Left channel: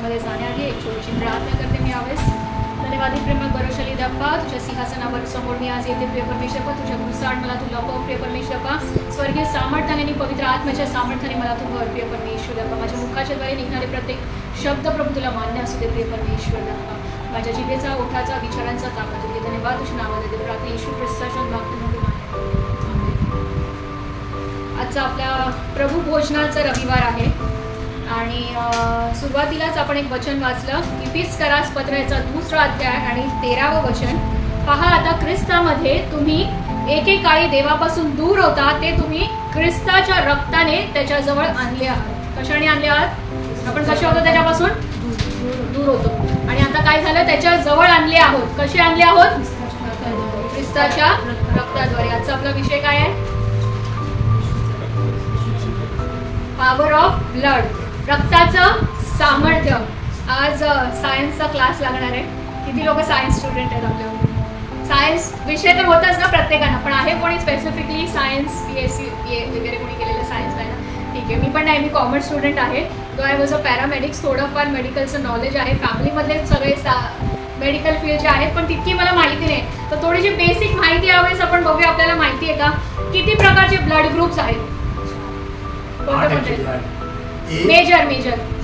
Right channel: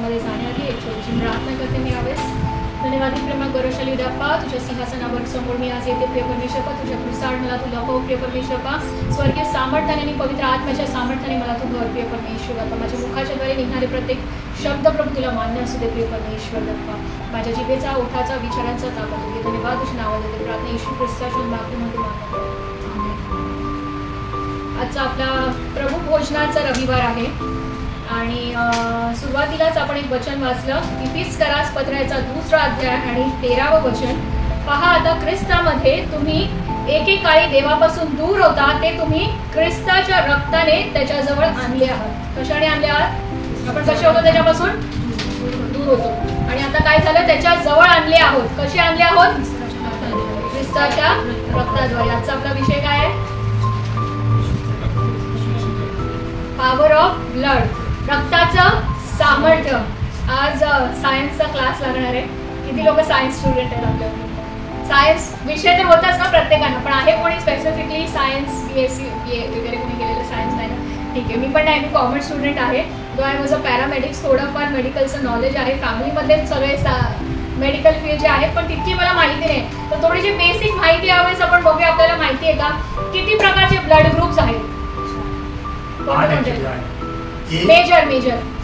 आत्म्यामध्ये जाण्याआधी एक छोटीशी प्रार्थना करते मी यावेळेस. धन्यवाद प्रेमळ गौरवशाली देवा, तुझ्या सिंहासनावर समोर मी आज येते प्रिय परमेश्वर. तुझ्या कृसाड मला तू दाखव प्रिय परमेश्वर. स्वर्गीय सामर्थ्याने आणि पवित्र आत्म्याच्या सामर्थ्याने मला तू भर प्रिय परमेश्वर. माझ्या मुखाच्या द्वारे निघणारे प्रत्येक शब्द प्रभू तुला मान्य असू दे प्रिय परमेश्वर. माझ्या जिभेचा ओठाचा विचारांचा ताकद होती. धन्यवाद तुझ्या नावाला देते प्रार्थना येशू ख्रिस्ताच्या नावाने मान्य. आजचा आपला प्रभू भोजनाचा रविवार आहे आणि सुरुवातीलाच आपण एक वचन वाचलं. इफिसकरास पत्राचा 2रा अध्याय आणि 13वं वचन. पहा, आता ख्रिस्तामध्ये तुम्ही एकेकाळी देवापासून दूर होता, ते तुम्ही ख्रिस्ताच्या रक्ताने त्याच्याजवळ आणले आहात. कशाने आणले आहात? आपण कसे होतो? त्याच्यापासून दूर होतो आणि आता काय झालं? त्याच्या जवळ आणले आहोत. कसे आणले आहोत? ख्रिस्ताच्या रक्ताद्वारे. आजचा आपला विषय काय आहे? पॉवर ऑफ ब्लड, रक्ताचं सामर्थ्य. आज सायन्सचा क्लास लागणार आहे. किती लोक सायन्स स्टुडंट आहेत आपल्याकडे? सायन्स विषय तर होताच ना प्रत्येकानं, पण आहे कोणी स्पेसिफिकली सायन्स BSc वगैरे कोणी केलेलं? सायन्स नाही ना? ठीक आहे, मी पण नाही, मी कॉमर्स स्टुडंट आहे. दो आय वॉज अ पॅरामेडिक्स. थोडंफार मेडिकलचं नॉलेज आहे. फॅमिलीमधले सगळे मेडिकल फील्ड जे आहेत, पण तितकी मला माहिती नाही. तर थोडीशी बेसिक माहिती यावेळेस आपण बघूया. आपल्याला माहिती आहे का किती प्रकारचे ब्लड ग्रुप्स आहेत? Major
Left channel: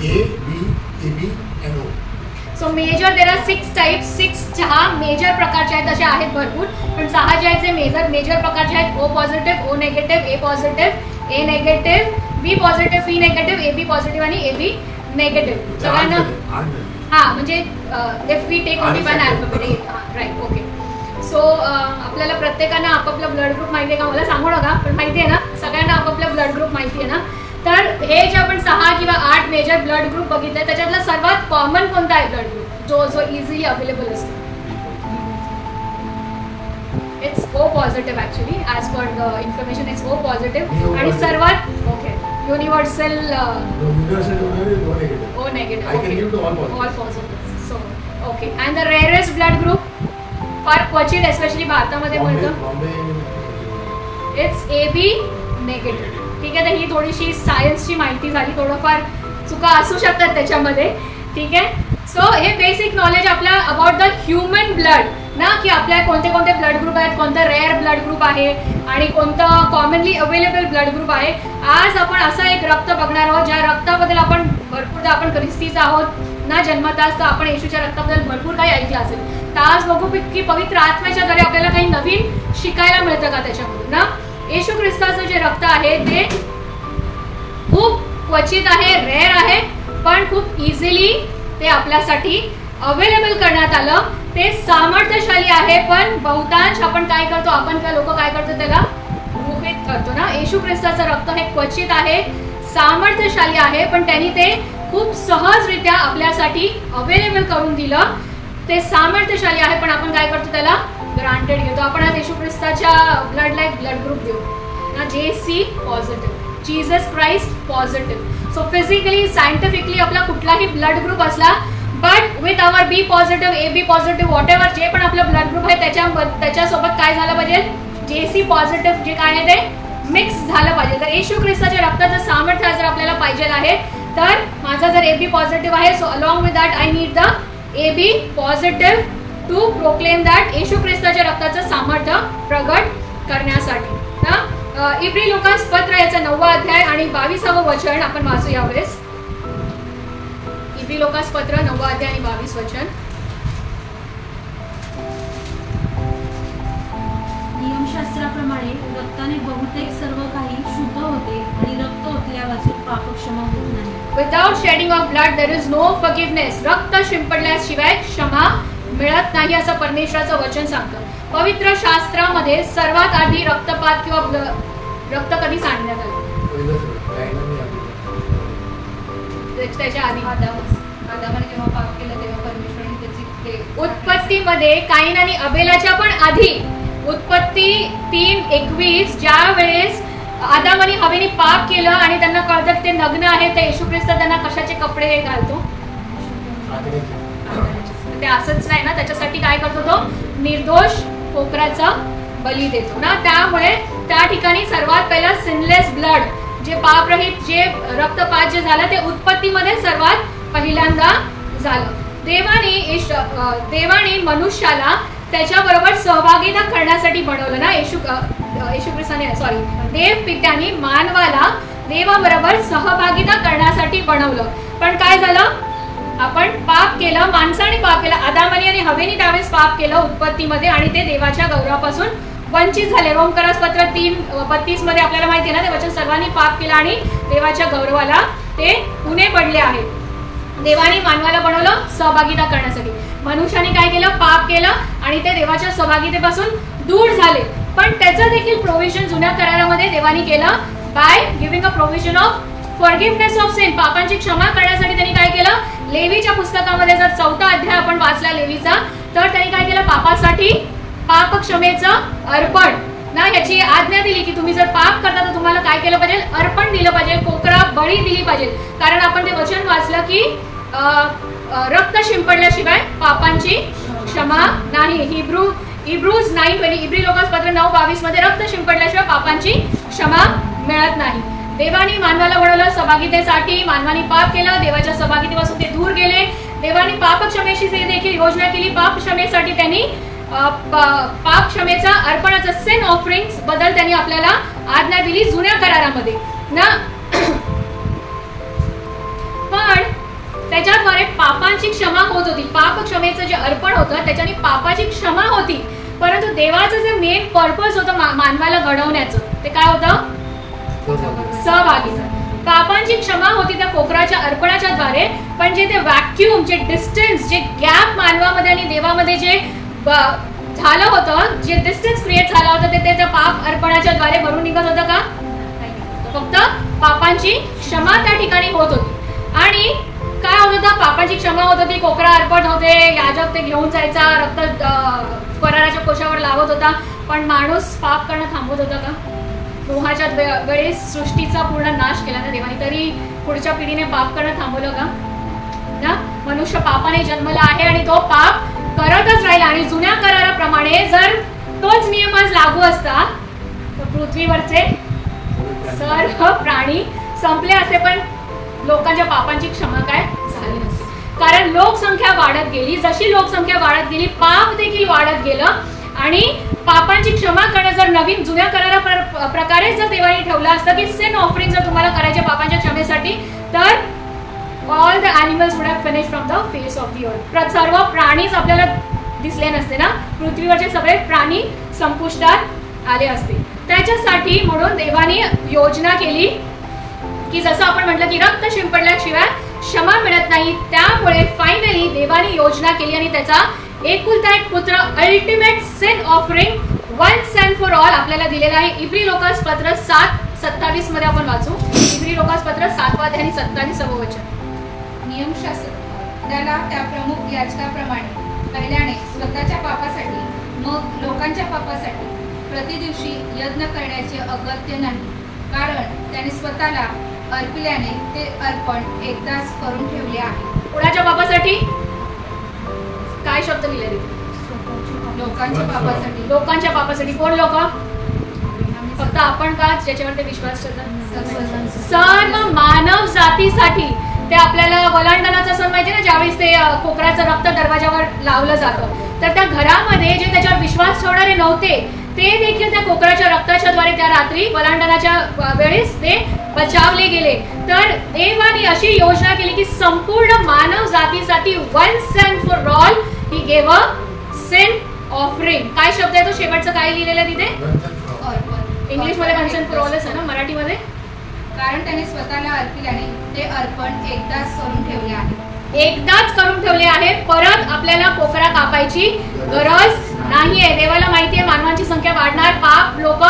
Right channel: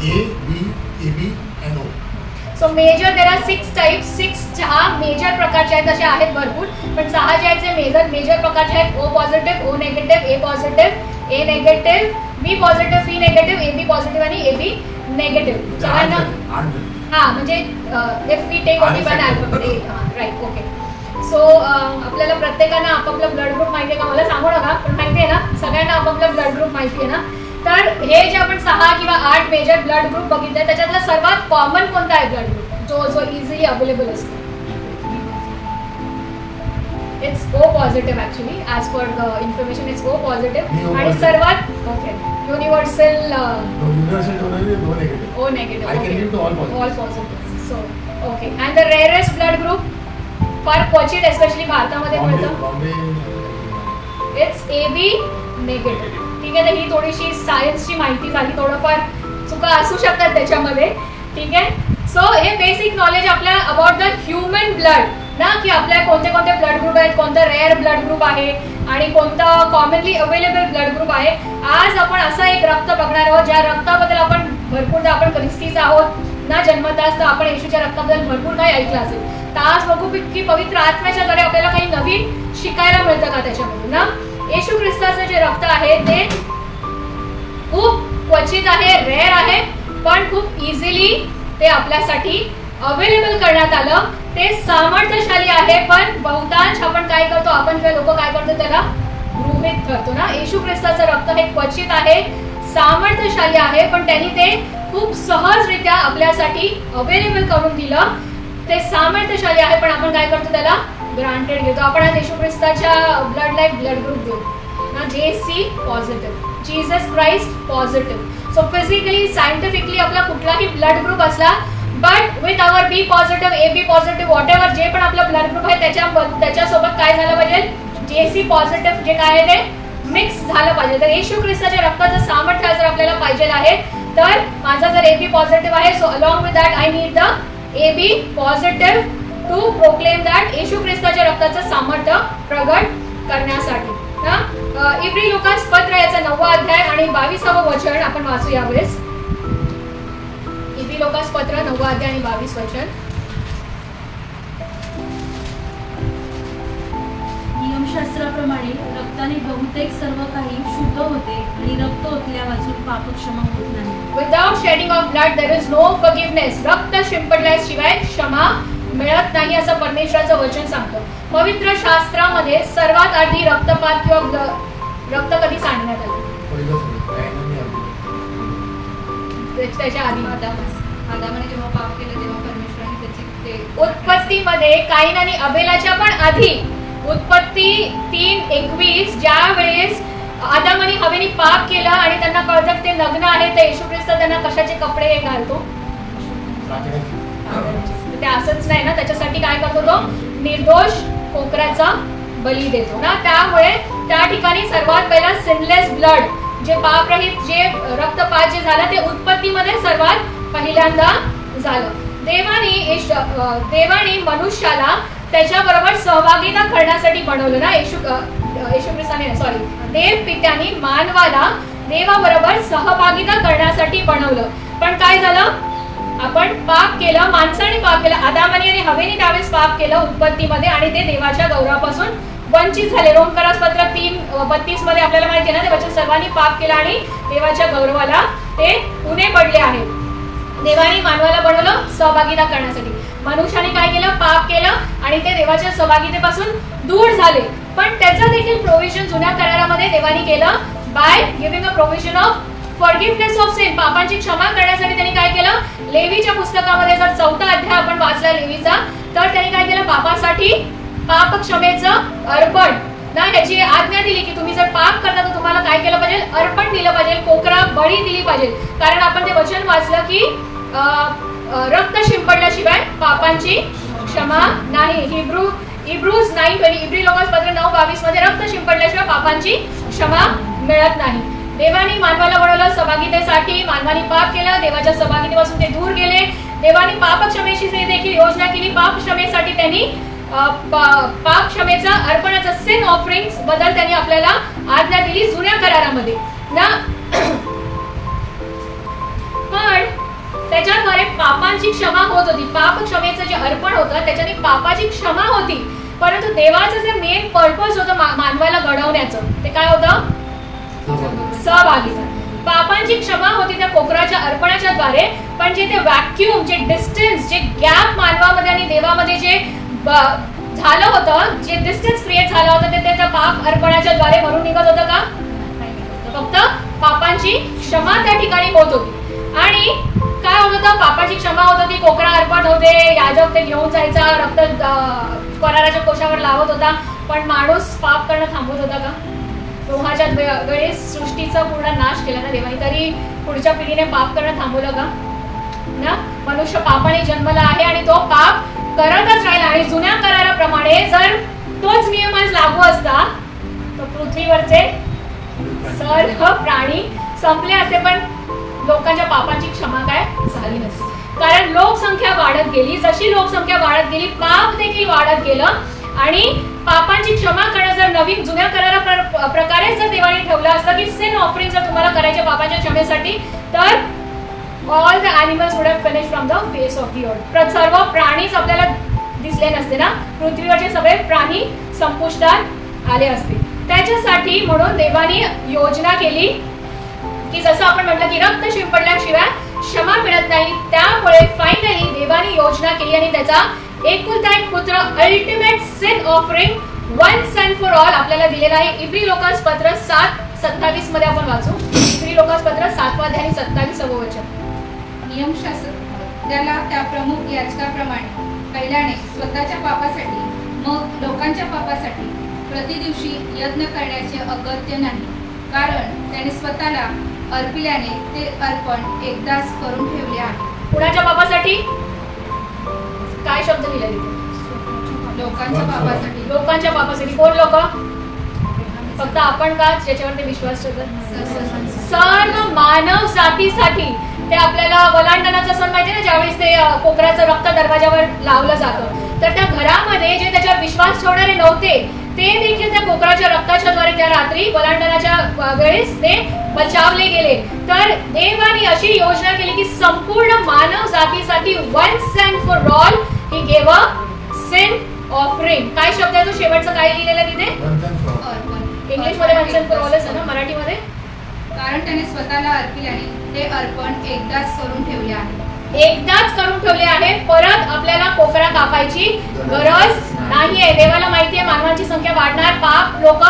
A, B, AB and O. So major there are 6 types. 6 major प्रकारचे आहेत, असे आहेत भरपूर, पण 6 जे आहेत जे मेजर प्रकारचे आहेत. O positive, O negative, A positive, A negative, B positive, B negative, AB positive आणि AB नेगेटिव्ह. सगळ्यांना म्हणजे if we take only one alphabet. Right, okay. So आपल्याला प्रत्येकाला आपापला ब्लड ग्रुप माहिती आहे का? मला सांगू नका, पण माहिती आहे ना सगळ्यांना आपापला ब्लड ग्रुप माहिती आहे ना? तर हे जे आपण 6 किंवा 8 मेजर ब्लड ग्रुप बघितले, त्याच्यातला सर्वात कॉमन कोणता आहे ब्लड ग्रुप जो इझिली अवेलेबल असतो? It's O positive. Actually as per the information it's O positive. आणि सर्वात universal O negative, all positive. So okay. And the rarest blood group, फार क्वचित एस्पेशली भारतामध्ये मिळतं, इट्स AB नेगेटिव्ह. ठीक आहे, तर ही थोडीशी सायन्सची माहिती झाली. थोडंफार चुका असू शकतात त्याच्यामध्ये. ठीक आहे. सो हे बेसिक नॉलेज आपल्या अबाउट द ह्युमन ब्लड ना, की आपल्या कोणते कोणते ब्लड ग्रुप आहेत, कोणता रेअर ब्लड ग्रुप आहे आणि कोणतं कॉमनली अवेलेबल ब्लड ग्रुप आहे. आज आपण असं एक रक्त बघणार आहोत ज्या रक्ताबद्दल आपण भरपूरदा आपण ख्रिस्तीच आहोत ना जन्मताच, तर आपण येशूच्या रक्ताबद्दल भरपूर काही ऐकलं असेल. तर आज बघू की पवित्र आत्म्याच्या द्वारे आपल्याला काही नवीन शिकायला मिळतं का त्याच्यामधून ना. येशू ख्रिस्ताचं जे रक्त आहे ते खूप क्वचित आहे, रेअर आहे, पण खूप इझिली ते आपल्यासाठी अवेलेबल करण्यात आलं. ते सामर्थ्यशाली आहे, पण बहुतांश आपण काय करतो, आपण लोक काय करतो, त्याला गृहीत धरतो ना. येशू ख्रिस्ताचं रक्त हे क्वचित आहे, सामर्थ्यशाली आहे, पण त्यांनी ते खूप सहजरित्या आपल्यासाठी अवेलेबल करून दिलं. ते सामर्थ्यशाली आहे, पण आपण काय करतो, त्याला ग्रांटेड घेतो. आपण आज येशू ख्रिस्ताच्या ब्लड लाईक ब्लड ग्रुप देऊ ना. JC positive, Jesus Christ positive. So physically scientifically आपला कुठलाही ब्लड ग्रुप असला, but with our B positive, AB positive, whatever जे पण आपलं ब्लड ग्रुप आहे त्याच्यासोबत काय झालं पाहिजे, JC पॉझिटिव्ह जे काय आहे ते मिक्स झालं पाहिजे. तर येशू ख्रिस्ताच्या रक्ताचं सामर्थ्य जर आपल्याला पाहिजे आहे, तर माझा जर AB पॉझिटिव्ह आहे, so along with that I need the AB positive to proclaim that Yeshu ख्रिस्ताच्या रक्ताचं सामर्थ्य प्रगट करण्यासाठी. इब्री लोकांस पत्र याचा 9वा अध्याय आणि 22वं वचन आपण वाचू यावेळेस. इब्री लोकांस पत्र 9वा अध्याय आणि 22 वचन. नियमशास्त्राप्रमाणे रक्ताने बहुतेक सर्व काही शुद्ध होते आणि रक्त ओतल्यावाचून पापक्षमा होत नाही. Without shedding of blood there is no forgiveness. रक्त शिंपडल्याशिवाय क्षमा मिळत नाही असं परमेश्वराचं वचन सांगतं. पवित्र शास्त्रामध्ये सर्वात आधी रक्तपात किंवा रक्त कधी सांगण्यात आलं? त्याच्या आधी आदामाने जेव्हा पाप केलं तेव्हा परमेश्वराने त्याची उत्पत्तीमध्ये काईन आणि अबेलाच्या पण आधी उत्पत्ती 3:21 ज्या वेळेस आदाम आणि हवेने पाप केलं आणि त्यांना कळतं ते नग्न आहे, तर येशू ख्रिस्त त्यांना कशाचे कपडे घालतो? ते असंच नाही ना, त्याच्यासाठी काय करतो, तो निर्दोष कोकराचा बली देतो ना. त्यामुळे त्या ठिकाणी सर्वात पहिला सिनलेस ब्लड, जे पापरहित जे रक्तपात जे झाला ते उत्पत्तीमध्ये सर्वात पहिल्यांदा झालं. देवानी मनुष्याला त्याच्याबरोबर सहभागिता करण्यासाठी बनवलं ना. येशू ख्रिस्ताने सॉरी देव पित्याने मानवाला देवाबरोबर सहभागिता करण्यासाठी बनवलं. पण काय झालं, आपण पाप केलं, माणसाने पाप केलं, आदामाने आणि हवेने त्यावेळेस पाप केलं उत्पत्तीमध्ये आणि ते देवाच्या गौरवापासून वंचित झाले. रोमकरास पत्र 3:32 मध्ये आपल्याला माहिती आहे ना, देवाच्या सर्वांनी पाप केला आणि देवाच्या गौरवाला ते उणे पडले आहेत. देवाने मानवाला बनवलं सहभागिता करण्यासाठी. मनुष्याने काय केलं, पाप केलं आणि ते देवाच्या सहभागितेपासून दूर झाले. पण त्याचं देखील प्रोव्हिजन जुन्या करारामध्ये देवाने केलं by giving a provision of forgiveness of sin. पापांची क्षमा करण्यासाठी त्यांनी काय केलं, लेवीच्या पुस्तकामध्ये जर 4था अध्याय आपण वाचला लेवीचा, तर त्यांनी काय केलं, पापासाठी पाप क्षमेचं अर्पण ना ह्याची आज्ञा दिली की तुम्ही जर पाप करता तर तुम्हाला काय केलं पाहिजे, अर्पण दिलं पाहिजे, कोकरा बळी दिली पाहिजे. कारण आपण ते वचन वाचलं की रक्त शिंपडल्याशिवाय पापांची क्षमा नाही. हिब्रूज 9:20 इब्री लोकांस पत्र 9:22 मध्ये रक्त शिंपडल्याशिवाय पापांची क्षमा मिळत नाही. देवानी मानवाला बनवलं सहभागितेसाठी. मानवाने पाप केलं, देवाच्या सहभागितेपासून ते दूर गेले. देवानी पाप क्षमेची देखील योजना केली. पाप क्षमेसाठी त्यांनी पाप क्षमेचा अर्पणाचा सिन ऑफरिंग बद्दल त्यांनी आपल्याला आज्ञा दिली जुन्या करारामध्ये ना. पण त्याच्याद्वारे पापांची क्षमा होत होती. पाप क्षमेचं जे अर्पण होतं त्याच्याने पापाची क्षमा होती. परंतु देवाचं जे मेन पर्पज होतं मानवाला घडवण्याचं, ते काय होतं, सहभागिता. पापांची क्षमा होती त्या कोकराच्या अर्पणाच्या द्वारे. पण जे ते व्हॅक्यूम, जे डिस्टन्स, जे गॅप मानवामध्ये आणि देवामध्ये जे झालं होतं, जे डिस्टन्स क्रिएट झालं होतं, ते त्या पाप अर्पणाच्या द्वारे भरून निघत होतं का, फक्त पापांची क्षमा त्या ठिकाणी होत होती. आणि काय होत होतं, पापाची क्षमा होत होती, कोकरा अर्पण होते, याजक ते घेऊन जायचा, रक्त पराराच्या कोशावर लावत होता. पण माणूस पाप करणं थांबवत होता का, नोहाच्या वेळेस सृष्टीचा पूर्ण नाश केला ना देवाने, तरी पुढच्या पिढीने पाप करणं थांबवलं का ना. मनुष्य पापाने जन्मला आहे आणि तो पाप करतच राहिला. आणि जुन्या कराराप्रमाणे जर तोच नियम आज लागू असता तर पृथ्वीवरचे सर्व प्राणी संपले असते, पण लोकांच्या पापांची क्षमा काय झाली नसती. कारण लोकसंख्या वाढत गेली. जशी लोकसंख्या वाढत गेली, पाप देखील वाढत गेलं. आणि पापांची क्षमा करणं जर नवीन जुन्या करारा प्रकारे जर देवाने ठेवलं असतं की सिन ऑफरिंग जर तुम्हाला करायचे पापांच्या क्षमेसाठी, तर all the animals would have finished from the face of the earth. सर्व प्राणीच आपल्याला दिसले नसते ना. पृथ्वीवरचे सगळे प्राणी संपुष्टात आले असते. त्याच्यासाठी म्हणून देवाने योजना केली की जसं आपण म्हटलं की रक्त शिंपडल्याशिवाय क्षमा मिळत नाही. त्यामुळे फायनली देवाने योजना केली आणि त्याचा एकुलता एक पुत्र ultimate sin offering once and for all आपल्याला दिलेला आहे. इब्री लोकास पत्र 7:27 मध्ये आपण वाचू. इब्री लोकास पत्र 7वा अध्याय आणि 27वे वचन. नियमशास्त्र त्याला त्या प्रमुख याजकाप्रमाणे पहिल्याने स्वतःच्या पापासाठी मग लोकांच्या पापासाठी प्रतिदिवशी यज्ञ करण्याचे अगत्य नाही. कारण त्याने स्वतःला अर्पिल्याने ते अर्पण एकदाच करून ठेवले आहे. कुणाच्या पापासाठी, काय शब्द लिहिले तिथे, लोकांच्या पापासाठी. लोकांच्या पापासाठी. कोण लोक, फक्त आपण का ज्याच्यावर ते विश्वास ठेवतात, सर्व मानव जातीसाठी. ते आपल्याला वलांडणाचा सण माहिती ना, ज्यावेळेस ते कोकराचं रक्त दरवाजावर लावलं जातं, तर त्या घरामध्ये जे त्याच्यावर विश्वास ठेवणारे नव्हते ते देखील त्या कोकराच्या रक्ताच्या द्वारे त्या रात्री वलांडणाच्या वेळेस ते बचावले गेले. तर देवाने अशी योजना केली की संपूर्ण मानव जातीसाठी once and for all he gave a sin offering. काय शब्द आहे तो शेवटचा, काय लिहिलेलं तिथे, इंग्लिश मध्ये वन्स अँड फॉर ऑल आहे ना, मराठीमध्ये कारण त्याने स्वतःला अर्पिल्याने ते अर्पण एकदाच करून ठेवले आहे. एकदाच करून ठेवले आहे. परत आपल्याला कोकरा कापायची गरज नाहीये. देवाला माहिती आहे मानवाची संख्या वाढणार, पाप लोक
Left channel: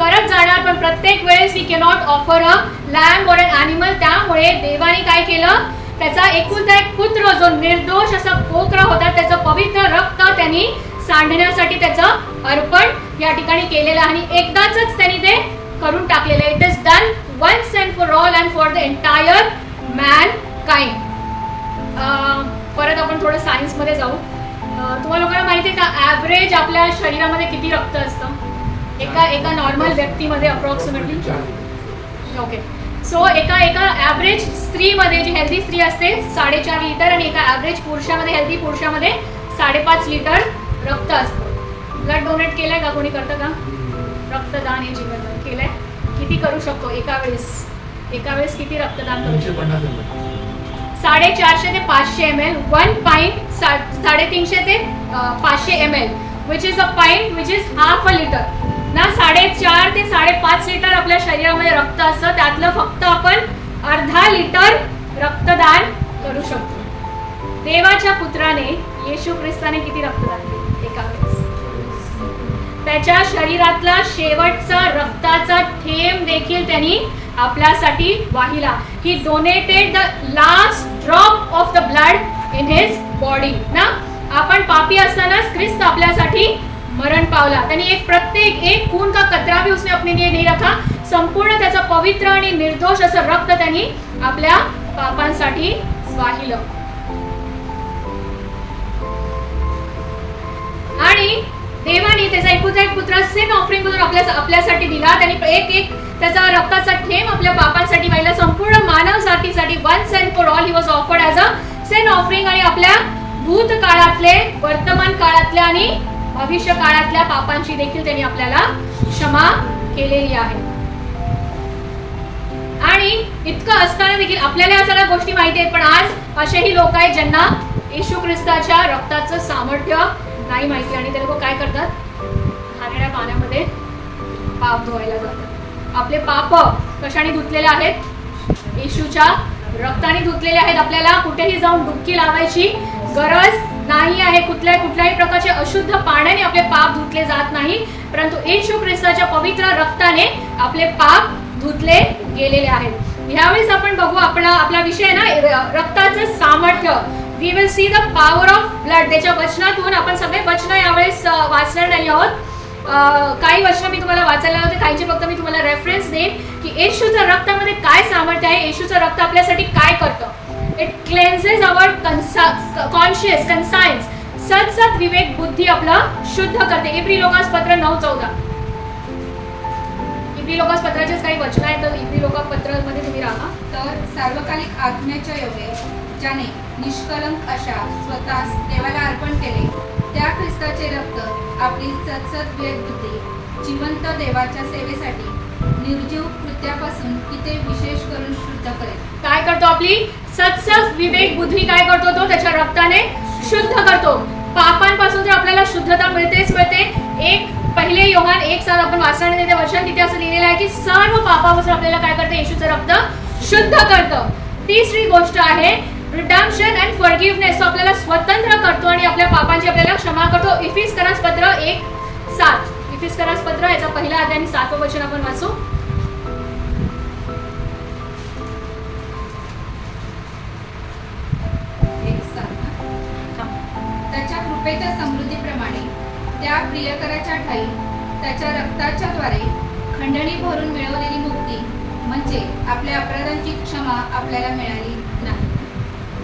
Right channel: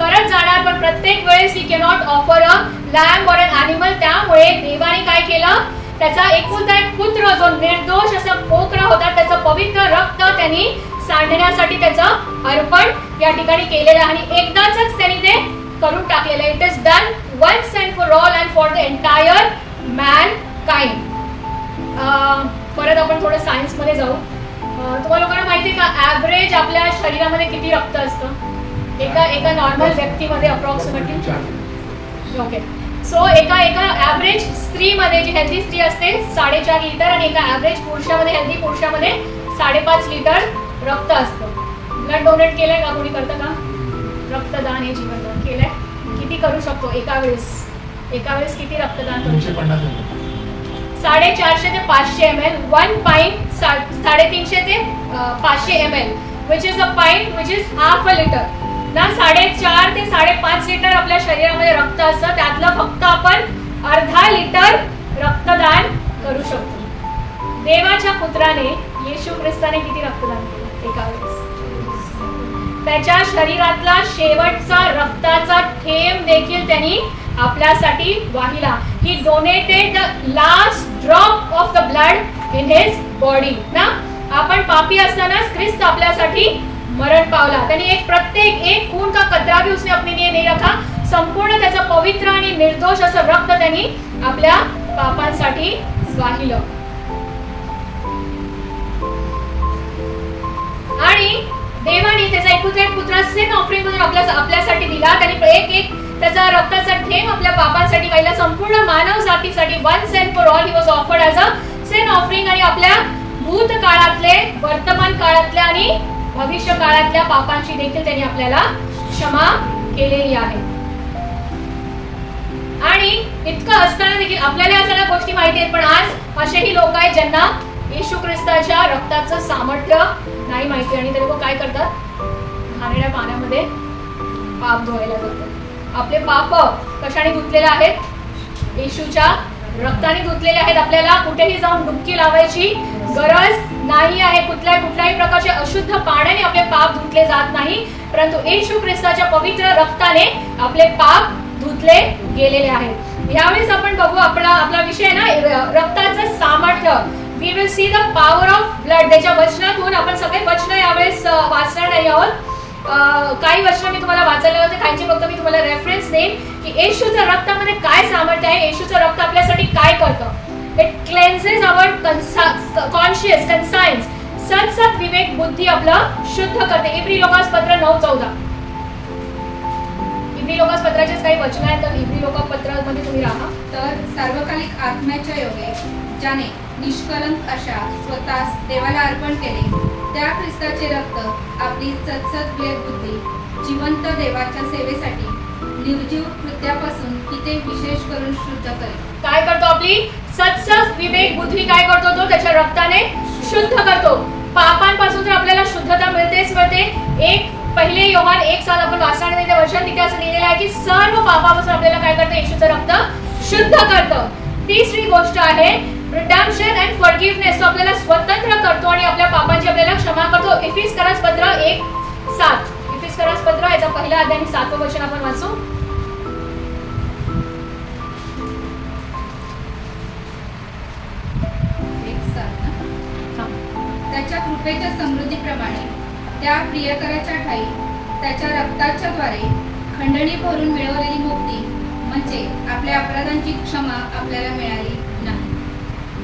करत जाणार, पण प्रत्येक वेळेस he cannot offer a lamb or an animal. त्यामुळे देवाने काय केलं, त्याचा एकुलता एक पुत्र जो निर्दोष असा कोकरा होता त्याचं पवित्र रक्त त्यांनी सांडण्यासाठी त्याचं अर्पण या ठिकाणी केलेलं आहे. आणि एकदाच त्यांनी ते करून टाकलेलं आहे. It is done once and for all and for the entire mankind. परत आपण थोडं सायन्स मध्ये जाऊ. तुम्हाला लोकांना माहिती आहे का ऍव्हरेज आपल्या शरीरामध्ये किती रक्त असतं एका नॉर्मल व्यक्तीमध्ये अप्रॉक्सिमेटली? ओके, सो एका ऍव्हरेज स्त्रीमध्ये, जी हेल्दी स्त्री असते, 4.5 लिटर आणि एका ऍव्हरेज पुरुषामध्ये, हेल्दी पुरुषामध्ये 5.5 लिटर रक्त असतं. ब्लड डोनेट केलंय का कोणी? करतं का? रक्तदान हे जीवनदान केलंय. किती करू शकतो एका वेळेस किती रक्तदान करू शकतो? 450 ते 500 ml, 1 pint 350 ते 500 ml, which is a pint, which is half a liter. ना 4.5 ते 5.5 लिटर आपल्या शरीरामध्ये रक्त असतं, त्यातलं फक्त आपण अर्धा लिटर रक्तदान करू शकतो. देवाच्या पुत्राने येशू ख्रिस्ताने किती रक्तदान केले एका वेळेस? त्याच्या शरीरातला शेवटचा रक्ताचा थेंब देखील त्यांनी आपल्यासाठी वाहिला. He donated the last drop of the blood in his body. ना आपण पापी असतानाच ख्रिस्त आपल्यासाठी मरण पावला. त्यांनी प्रत्येक एक खून का कतरा भी उसने अपने लिए नहीं रखा. संपूर्ण त्याचं पवित्र आणि निर्दोष असं रक्त त्यांनी आपल्या पापांसाठी वाहिलं. आणि देवाने त्याचा एकुलता एक पुत्र सिन ऑफरिंग म्हणून आपल्यासाठी दिला. त्यांनी एक त्याचा रक्ताचा थेंब आपल्या पापांसाठी वाहिला. संपूर्ण मानव जातीसाठी once and for all he was offered as a sin offering. आणि आपल्या भूतकाळातले, वर्तमान काळातल्या आणि भविष्य काळातल्या पापांची देखील त्यांनी आपल्याला क्षमा केलेली आहे. आणि इतकं असताना देखील आपल्याला या सगळ्या गोष्टी माहिती आहेत, पण आज असेही लोक आहेत ज्यांना येशू ख्रिस्ताच्या रक्ताचं सामर्थ्य नाही माहिती, आणि ते लोक काय करतात? घाणेरड्या पाण्यामध्ये पाप धुवायला जातात. आपले पाप कशाने धुतलेले आहेत? येशूच्या रक्ताने धुतलेले आहेत. आपल्याला कुठेही जाऊन डुबकी लावायची गरज नाही आहे. कुठल्याही प्रकारचे अशुद्ध पाण्याने आपले पाप धुतले जात नाही, परंतु येशू ख्रिस्ताच्या पवित्र रक्ताने आपले पाप धुतले गेलेले आहेत. यावेळेस आपण बघू आपला विषय ना रक्ताचं सामर्थ्य. We will see the power of blood. त्याच्या वचनातून आपण सगळे वचन यावेळेस वाचणार नाही आहोत. काही वचन मी तुम्हाला वाचायला होते, काहींची फक्त मी तुम्हाला रेफरन्स देईन की येशूच्या रक्तामध्ये काय सामर्थ्य आहे, येशूचं रक्त आपल्यासाठी काय करतं. It cleanses our conscious conscience. सत विवेक बुद्धी आपलं शुद्ध करते. इब्री लोकासपत्र 9:14. इब्री लोकासपत्राचेच काही वचन आहेत, तर इब्री लोकापत्रामध्ये तुम्ही राहा. तर सार्वकालिक आत्म्याच्या योगे ज्याने निष्कलंक अशा स्वतःस देवाला अर्पण केले, त्या ख्रिस्ताचे रक्त आपली सतसत विवेक बुद्धी जिवंत देवाच्या सेवेसाठी निर्जीव कृत्यापासून किती विशेष करून शुद्ध करेल. काय करतो? आपली सतसत विवेक बुद्धी काय करतो? तो त्याच्या रक्ताने शुद्ध करतो. पापांपासून तर आपल्याला शुद्धता मिळतेच मिळते. 1 योहान 1:7 आपण वाचण्यामध्ये वचन तिथे असं लिहिलेलं आहे की सर्व पापापासून आपल्याला काय करतं? येशूचं रक्त शुद्ध करतं. तिसरी गोष्ट आहे रिडम्पशन अँड फॉरगिव्हनेस. तो आपल्याला स्वतंत्र करतो आणि आपल्या पापांची आपल्याला क्षमा करतो. इफिसकरासपत्र 1:7. इफिसकरासपत्र याचा पहिला अध्याय आणि 7वं वचन आपण वाचू. त्याच्या कृपेच्या समृद्धीप्रमाणे त्या प्रियकराच्या ठाई त्याच्या रक्ताच्या द्वारे खंडणी भरून मिळवलेली मुक्ती म्हणजे आपल्या अपराधांची क्षमा आपल्याला मिळाली नाही.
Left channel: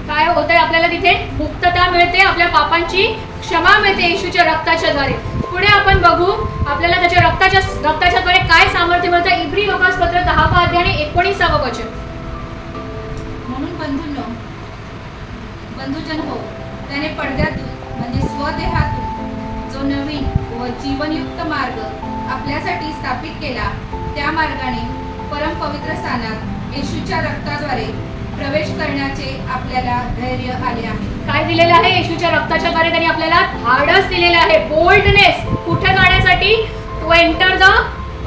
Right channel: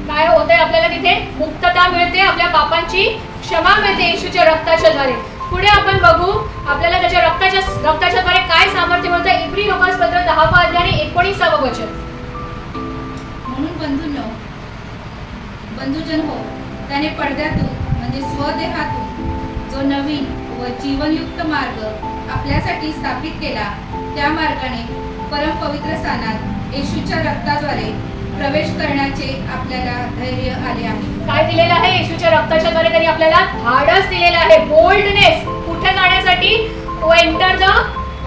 काय होतंय? आपल्याला तिथे मुक्तता मिळते, आपल्या पापांची क्षमा मिळते येशूच्या रक्ताच्या द्वारे. पुढे आपण बघू आपल्याला त्याच्या रक्ताच्या द्वारे काय सामर्थ्य मिळतं. इब्री लोकासपत्र 10वा अध्याय आणि 19वं वचन. म्हणून बंधुजन हो, त्याने पडद्यातून म्हणजे स्वदेहातून जो नवीन व जीवनयुक्त मार्ग आपल्यासाठी स्थापित केला, त्या मार्गाने परम पवित्र स्थानात येशूच्या रक्ताद्वारे प्रवेश करण्याचे आपल्याला धैर्य आले आहे. काय दिलेलं आहे? येशूच्या रक्ताच्या द्वारे त्यांनी आपल्याला धाडस दिलेलं आहे, बोल्डनेस. कुठे जाण्यासाठी? To enter the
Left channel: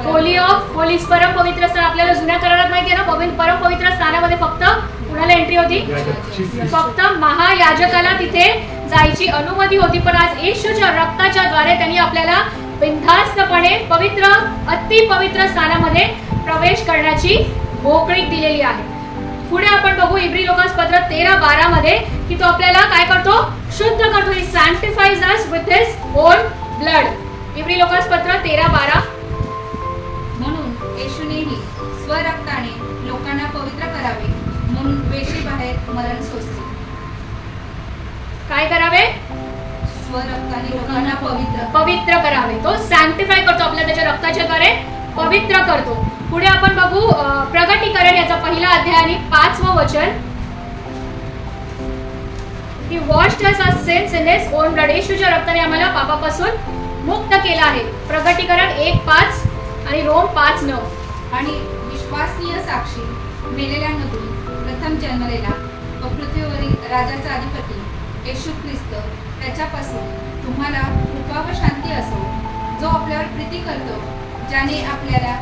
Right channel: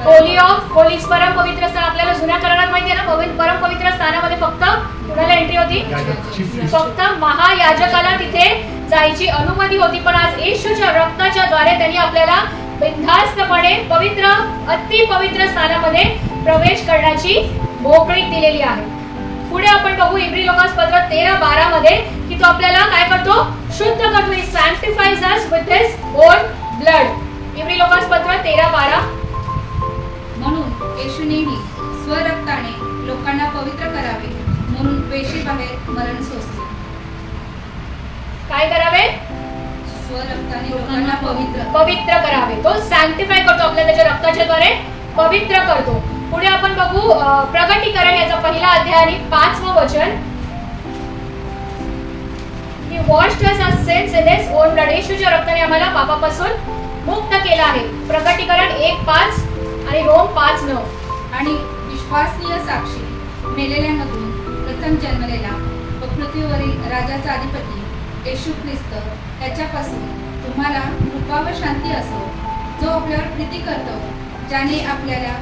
holy of holies. परम पवित्र स्थान. आपल्याला जुन्या करारात माहिती आहे ना, परम पवित्र स्थानामध्ये फक्त कुणाला एंट्री होती? फक्त महायाजकाला तिथे जायची अनुमती होती. पण आज येशूच्या रक्ताच्या द्वारे त्यांनी आपल्याला बिनधास्तपणे पवित्र अति पवित्र स्थानामध्ये प्रवेश करण्याची मोकळीक दिलेली आहे. पुढे आपण बघू इब्री लोकासपत्र 13:12 मध्ये की तो आपल्याला काय करतो? शुद्ध करतो. He sanctifies us with his own blood. इब्री लोकासपत्र 13:12. म्हणून येशूनेही स्वरक्ताने लोकांना पवित्र करावे म्हणून वेशीबाहेर मरण सोसले. काय करावे? स्वरक्ताने लोकांना पवित्र करावे. तो सॅन्क्टिफाय करतो, आपल्याला त्याच्या रक्ताच्या द्वारे पवित्र करतो. पुढे आपण बघू प्रगटीकरण याचा पहिला अध्याय आणि 5वं वचन. He washed us our sins in his own blood. येशूच्या रक्ताने आम्हाला पापापासून मुक्त केलं आहे. प्रगटीकरण 1:5 आणि रोम 5:9. आणि विश्वासनीय साक्षी मेलेल्यांमधून प्रथम जन्मलेला व पृथ्वीवरील राजाचा अधिपती येशू ख्रिस्त त्याच्यापासून तुम्हाला कृपा व शांती असो, जो आपल्यावर प्रीती करतो, ज्याने आपल्याला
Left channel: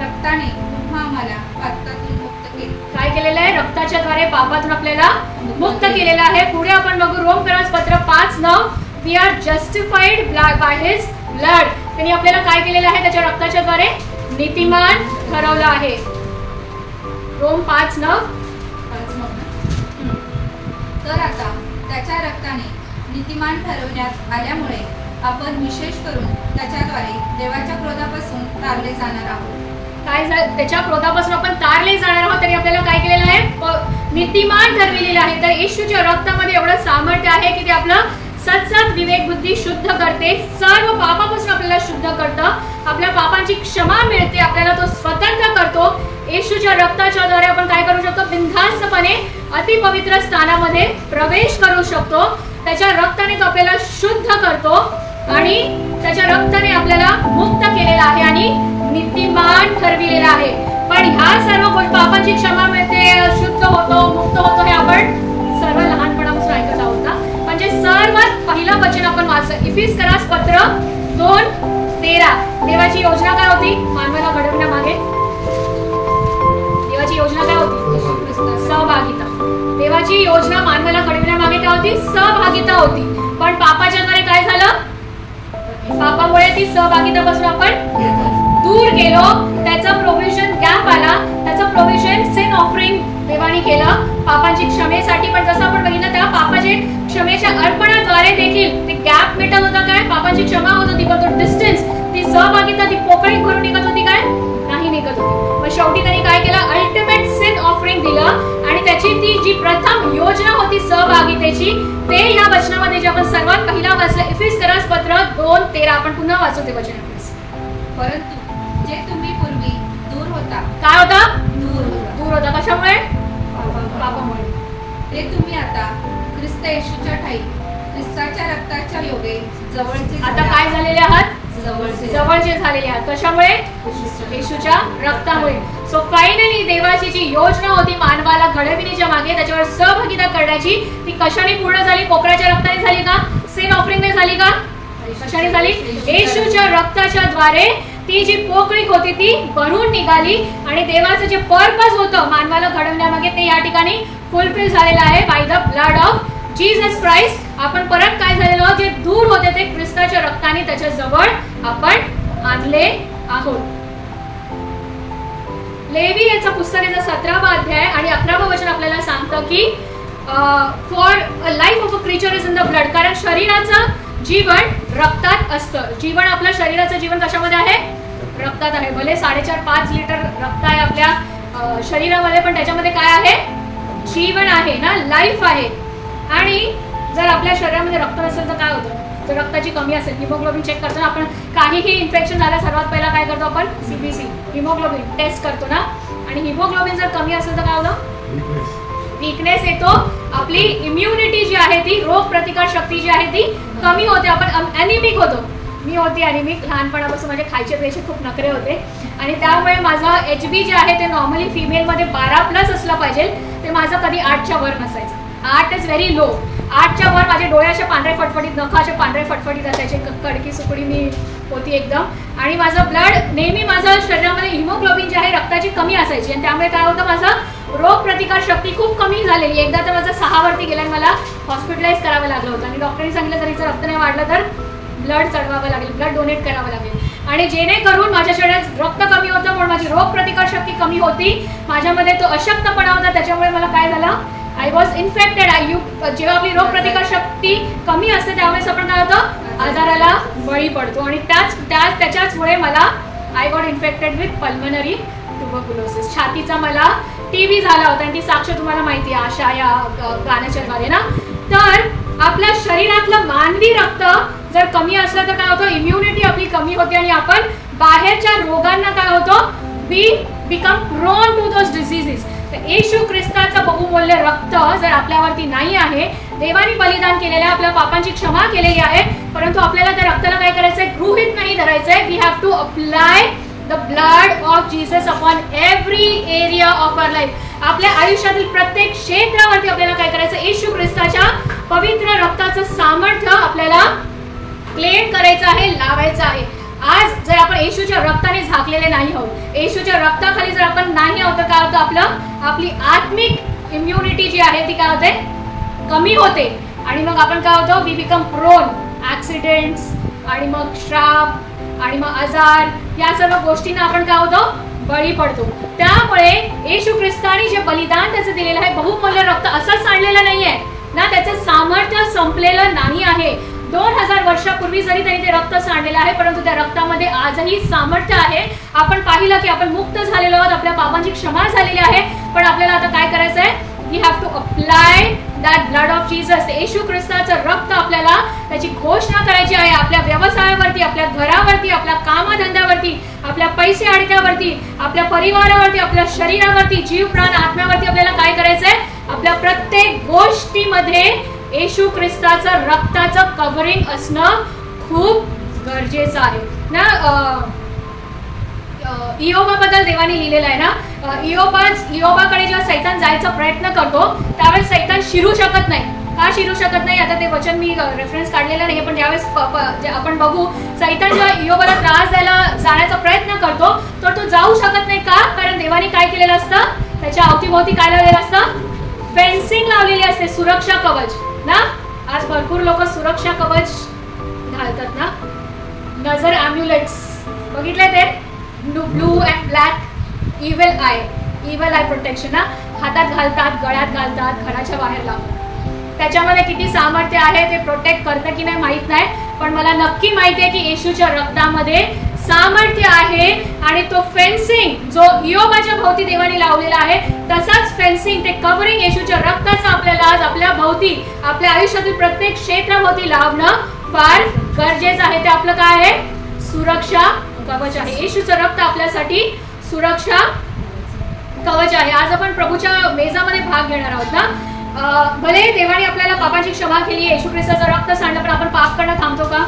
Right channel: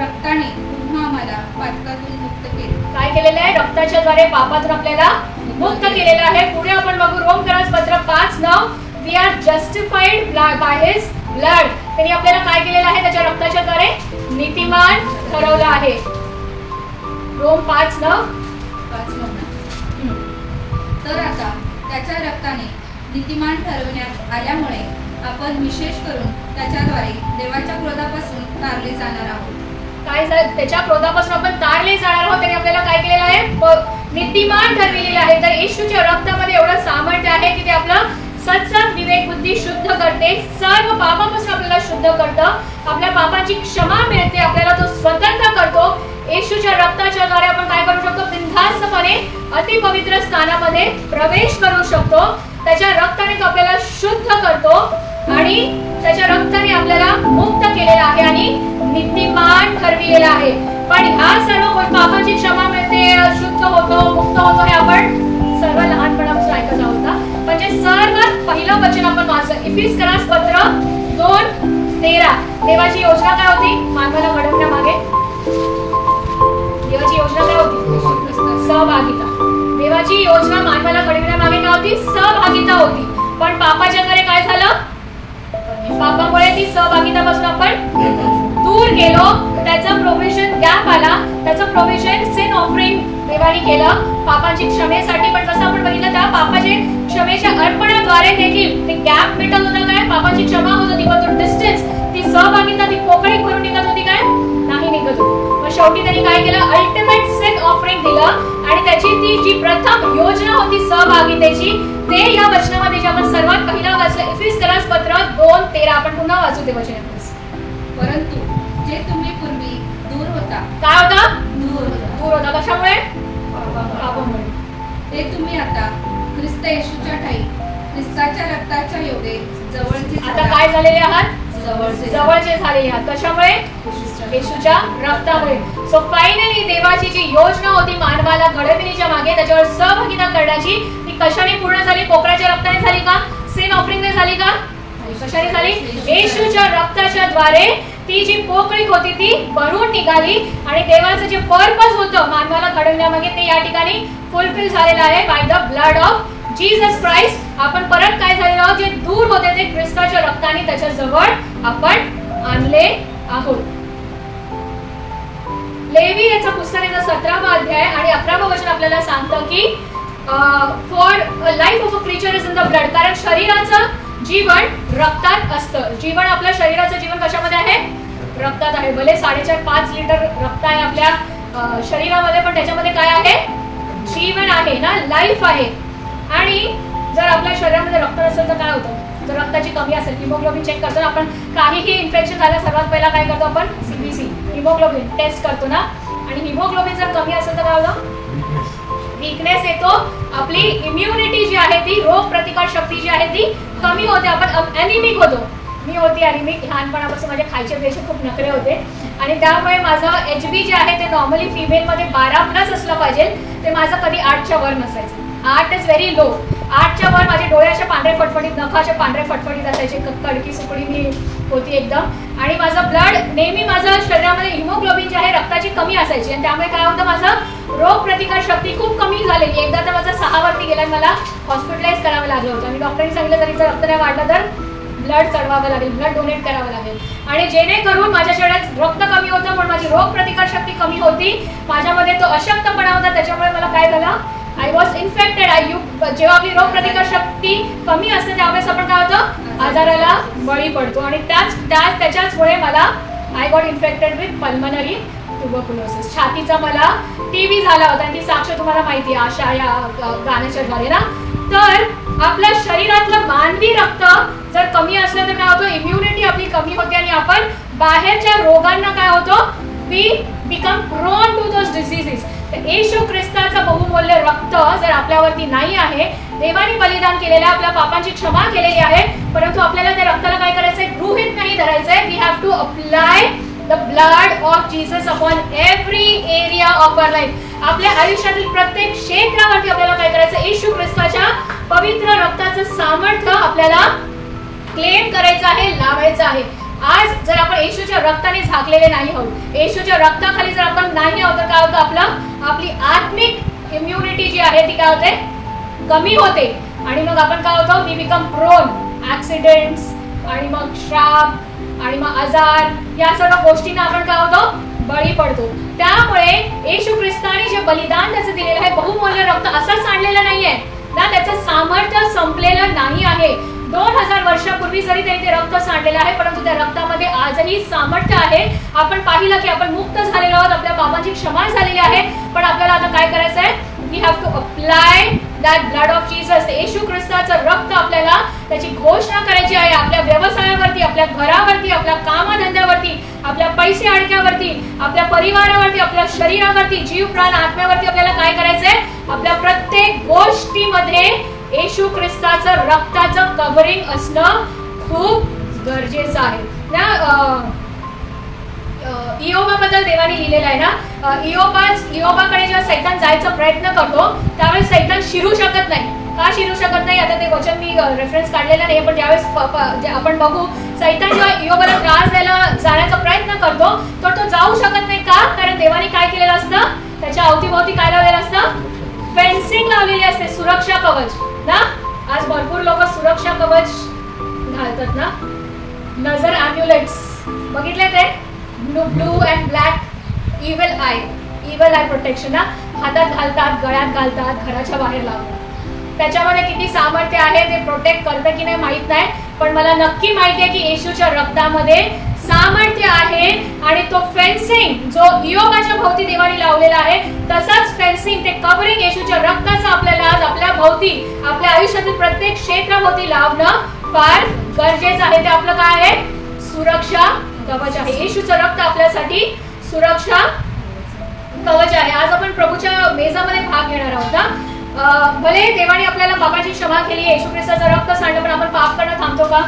रक्ताने पुन्हा आम्हाला पापातून मुक्त केले. काय केलेलं आहे? रक्ताच्या द्वारे पापातून आपल्याला मुक्त केलेलं आहे. पुढे आपण बघू रोमकरास पत्र 5:9. We are justified by his blood. त्यांनी आपल्याला काय केलेलं आहे? त्याच्या रक्ताच्या द्वारे नीतिमान ठरवलं आहे. रोम 5:9. तर आता त्याच्या रक्ताने नीतिमान ठरवण्यात आल्यामुळे आपण विशेष करून त्याच्याद्वारे देवाच्या क्रोधापासून तारले जाणार आहोत. काय त्याच्या क्रोधापासून आपण तारले जाणार आहोत. त्यांनी आपल्याला काय केलेलं आहे? नीतिमान ठरविलेलं आहे. तर येशूच्या रक्तामध्ये एवढं सामर्थ्य आहे की ते आपलं सत्संग विवेक बुद्धी शुद्ध करते, सर्व पापापासून आपल्याला शुद्ध करतं, आपल्या पापांची क्षमा मिळते, आपल्याला तो स्वतंत्र करतो. येशूच्या रक्ताच्या द्वारे आपण काय करू शकतो? बिनधास्तपणे अतिपवित्र स्थानामध्ये प्रवेश करू शकतो. त्याच्या रक्ताने तो आपल्याला शुद्ध करतो आणि त्याच्या रक्ताने आपल्याला मुक्त केलेला आहे आणि नीतिमान ठरविलेला आहे. पण ह्या सर्व पापांची क्षमा मिळते, शुद्ध होतो, मुक्त होतो, हे आपण सर्व लहानपणापासून ऐकत आहोत ना. म्हणजे सर्वात पहिलं वचन आपण वाचलं इफिसकरास पत्र 2:13. देवाची योजना काय होती? मानवाला घडवण्यामागे देवाची योजना काय होती? सहभागिता. देवाची योजना मानवाला घडवण्यामागे काय होती? सहभागिता होती. पण पापाच्या द्वारे काय झालं? पापामुळे ती सहभागितापासून आपण दूर गेलो. त्याचा प्रोव्हिजन गॅप आला. त्याचं प्रोव्हिजन सिन ऑफरिंग देवाने केलं पापांची क्षमेसाठी. पण जसं आपण बघितलं त्या पापाची क्षमेच्या अर्पणाद्वारे देखील ते गॅप मिटत होता. काय? पापांची क्षमा होत होती, पण तो डिस्टन्स, ती सहभागिता, ती पोकळी भरून निघत होती काय? नाही निघत होती. मग शेवटी त्यांनी काय केलं? अल्टिमेट सिन ऑफरिंग दिलं आणि त्याची ती जी प्रथम योजना होती सहभागितेची, ते या वचनामध्ये जे आपण सर्वात पहिला वाचलं इफिसकरास पत्र 2:13. आपण पुन्हा वाचू ते वचन. परंतु जे तुम्ही पूर्वी दूर होता. काय होता? दूर होता. कशामुळे? पापामुळे. ते तुम्ही आता ख्रिस्त येशूच्या ठाई ख्रिस्ताच्या रक्ताच्या योगे जवळचे. आता काय झालेले आहात? जवळचे झालेले आहात. कशामुळे? येशूच्या रक्तामुळे. सो फायनली देवाची जी योजना होती मानवाला घडविण्याच्या मागे, त्याच्यावर सहभागिता करण्याची, ती कशाने पूर्ण झाली? पोकळाच्या रक्ताने झाली का? सिन ऑफरिंगने झाली का? कशाने झाली? येशूच्या रक्ताच्या द्वारे ती जी पोकळी होती ती भरून निघाली आणि देवाचं जे पर्पज होतं मानवाला घडवण्यामागे ते या ठिकाणी फुलफिल झालेलं आहे by the blood of Jesus Christ. आपण परत काय झालेलं? जे दूर होते ते ख्रिस्ताच्या रक्ताने त्याच्या जवळ आपण आणले आहोत. लेवी याचा पुस्तकाचा 17वा अध्याय आणि 11वं वचन आपल्याला सांगतं की for a life of a creature is in the blood. कारण शरीराचं जीवन रक्तात असतं. जीवन, आपल्या शरीराचं जीवन कशामध्ये आहे? रक्तात आहे. भले 4.5-5 लिटर रक्त आहे आपल्या शरीरामध्ये, पण त्याच्यामध्ये काय आहे? जीवन आहे ना, लाईफ आहे. आणि जर आपल्या शरीरामध्ये रक्त नसेल तर काय होतं? जर रक्ताची कमी असेल, हिमोग्लोबिन चेक करतो ना आपण. काहीही इन्फेक्शन झालं सर्वात पहिला काय करतो आपण? CBC हिमोग्लोबिन टेस्ट करतो ना. आणि हिमोग्लोबिन जर कमी असेल तर काय होतं? वीकनेस येतो. आपली इम्युनिटी जी आहे ती, रोग प्रतिकार शक्ती जी आहे ती कमी होते. आपण अॅनिमिक होतो. मी होती अॅनिमिक लहानपणापासून. माझे खायचे पेशी खूप नखरे होते आणि त्यामुळे माझं HB जे आहे ते नॉर्मली फिमेलमध्ये 12+ असलं पाहिजे, ते माझं कधी 8च्या वर नसायचं. 8 इज व्हेरी लो. 8च्या वर माझे डोळे असे पांढरे फटफटीत, नख असे पांढरे फटफटीत असायचे, कडकी सुकडी मी होती एकदम. आणि माझं ब्लड नेहमी, माझं शरीरामध्ये हिमोग्लोबिन जे आहे रक्ताची कमी असायची आणि त्यामुळे काय होतं? माझं रोग प्रतिकार शक्ती खूप कमी झालेली. एकदा तर माझं 6 वरती गेला आणि मला हॉस्पिटलाइज करावं लागलं होतं आणि डॉक्टरांनी सांगितलं जर रक्त नाही वाढलं तर ब्लड चढवावं लागेल, ब्लड डोनेट करावं लागेल. आणि जेणेकरून माझ्या शरीरात रक्त कमी होतं म्हणून माझी रोग प्रतिकार शक्ती कमी होती, माझ्यामध्ये तो अशक्तपणा होता. त्याच्यामुळे मला काय झालं? I was infected. जेव्हा आपली रोग प्रतिकार शक्ती कमी असते त्यावेळेस आपण काय होतं? आजाराला बळी पडतो. आणि त्याच्याचमुळे मला I got infected with pulmonary tuberculosis. छातीचा मला TB झाला होता आणि ती साक्ष तुम्हाला माहिती आहे आशा या गाण्याच्या द्वारे ना. तर आपल्या शरीरातलं मानवी रक्त जर कमी असलं तर काय होतं? इम्युनिटी आपली कमी होते आणि आपण बाहेरच्या रोगांना काय होतो? We become prone to those diseases. तर येशू ख्रिस्ताचं बहुमूल्य रक्त जर आपल्यावरती नाही आहे, देवाने बलिदान केलेलं आहे, आपल्या पापांची क्षमा केलेली आहे, परंतु आपल्याला त्या रक्ताला काय करायचंय, गृहीत नाही धरायचंय. We have to apply the blood of Jesus upon every area of our life. आपल्या आयुष्यातील प्रत्येक क्षेत्रावरती आपल्याला काय करायचं, येशू ख्रिस्ताच्या पवित्र रक्ताचं सामर्थ्य आपल्याला क्लेम करायचं आहे, लावायचं आहे. आज जर आपण येशूच्या रक्ताने झाकलेले नाही आहोत, येशूच्या रक्ताखाली जर आपण नाही आहोत, तर काय होतं, आपली आत्मिक इम्युनिटी जी आहे ती काय होते, कमी होते. आणि मग आपण काय होतो, वी बिकम प्रोन ऍक्सिडेंट्स आणि मग श्राप आणि मग आजार, या सर्व गोष्टींना आपण काय होतो, बळी पडतो. त्यामुळे येशू ख्रिस्ताने जे बलिदान त्याचं दिलेलं आहे, बहुमूल्य रक्त असंच आणलेलं नाहीये ना, त्याचं सामर्थ्य संपलेलं नाही आहे. 2000 वर्षापूर्वी जरी त्यांनी ते रक्त सांडलेलं आहे, परंतु त्या रक्तामध्ये आजही सामर्थ्य आहे. आपण पाहिलं की आपण मुक्त झालेलो आहोत, आपल्या पापांची क्षमा झालेली आहे, पण आपल्याला आता काय करायचं आहे, we have to apply that blood of Jesus. Yeshu ख्रिस्ताचं रक्त आपल्याला त्याची घोषणा करायची आहे आपल्या व्यवसायावरती, आपल्या घरावरती, आपल्या कामधंद्यावरती, आपल्या पैसे अडक्यावरती, आपल्या परिवारावरती, आपल्या शरीरावरती, जीव प्राण आत्म्यावरती आपल्याला काय करायचंय, आपल्या प्रत्येक गोष्टीमध्ये येशू ख्रिस्ताचं रक्ताचं कव्हरिंग असणं खूप गरजेचं आहे ना. इयोबाबद्दल देवाने लिहिलेलं आहे ना, इयोबाकडे जेव्हा सैतान जायचा प्रयत्न करतो त्यावेळेस सैतान शिरू शकत नाही. का शिरू शकत नाही, आता ते वचन मी रेफरन्स काढलेलं नाही, पण ज्यावेळेस आपण बघू, सैतान जेव्हा इयोबाला त्रास द्यायला जाण्याचा प्रयत्न करतो तर तो जाऊ शकत नाही. का, कारण देवाने काय केलेलं असतं, त्याच्या अवतीभोवती काय लावलेलं असतं, फेन्सिंग लावलेली असते, सुरक्षा कवच ना. आज भरपूर लोक सुरक्षा कवच घालतात ना, नजर अम्युलेट्स बघितले ते, blue and black evil eye protection ना, हातात घालतात, गळ्यात घालतात, घराच्या बाहेर लावतात. त्याच्यामध्ये किती सामर्थ्य आहे, ते प्रोटेक्ट करतं की नाही माहित नाही, पण मला नक्की माहिती आहे की येशूच्या रक्तामध्ये सामर्थ्य आहे. आणि तो फेन्सिंग जो इयोबाच्या भोवती देवाने लावलेला आहे, तसाच फेन्सिंग, ते कव्हरिंग येशूच्या रक्ताचं आपल्याला आज आपल्या भोवती, आपल्या आयुष्यातील प्रत्येक क्षेत्राभोवती लावणं फार गरजेचं आहे. ते आपलं काय आहे, सुरक्षा कवच आहे. येशूचं रक्त आपल्यासाठी सुरक्षा कवच आहे. आज आपण प्रभूच्या मेजामध्ये भाग घेणार आहोत ना. भले देवाने आपल्याला पापाची क्षमा केली, येशू ख्रिस्ताचं रक्त सांडलं, पण आपण पाप करणं थांबतो का?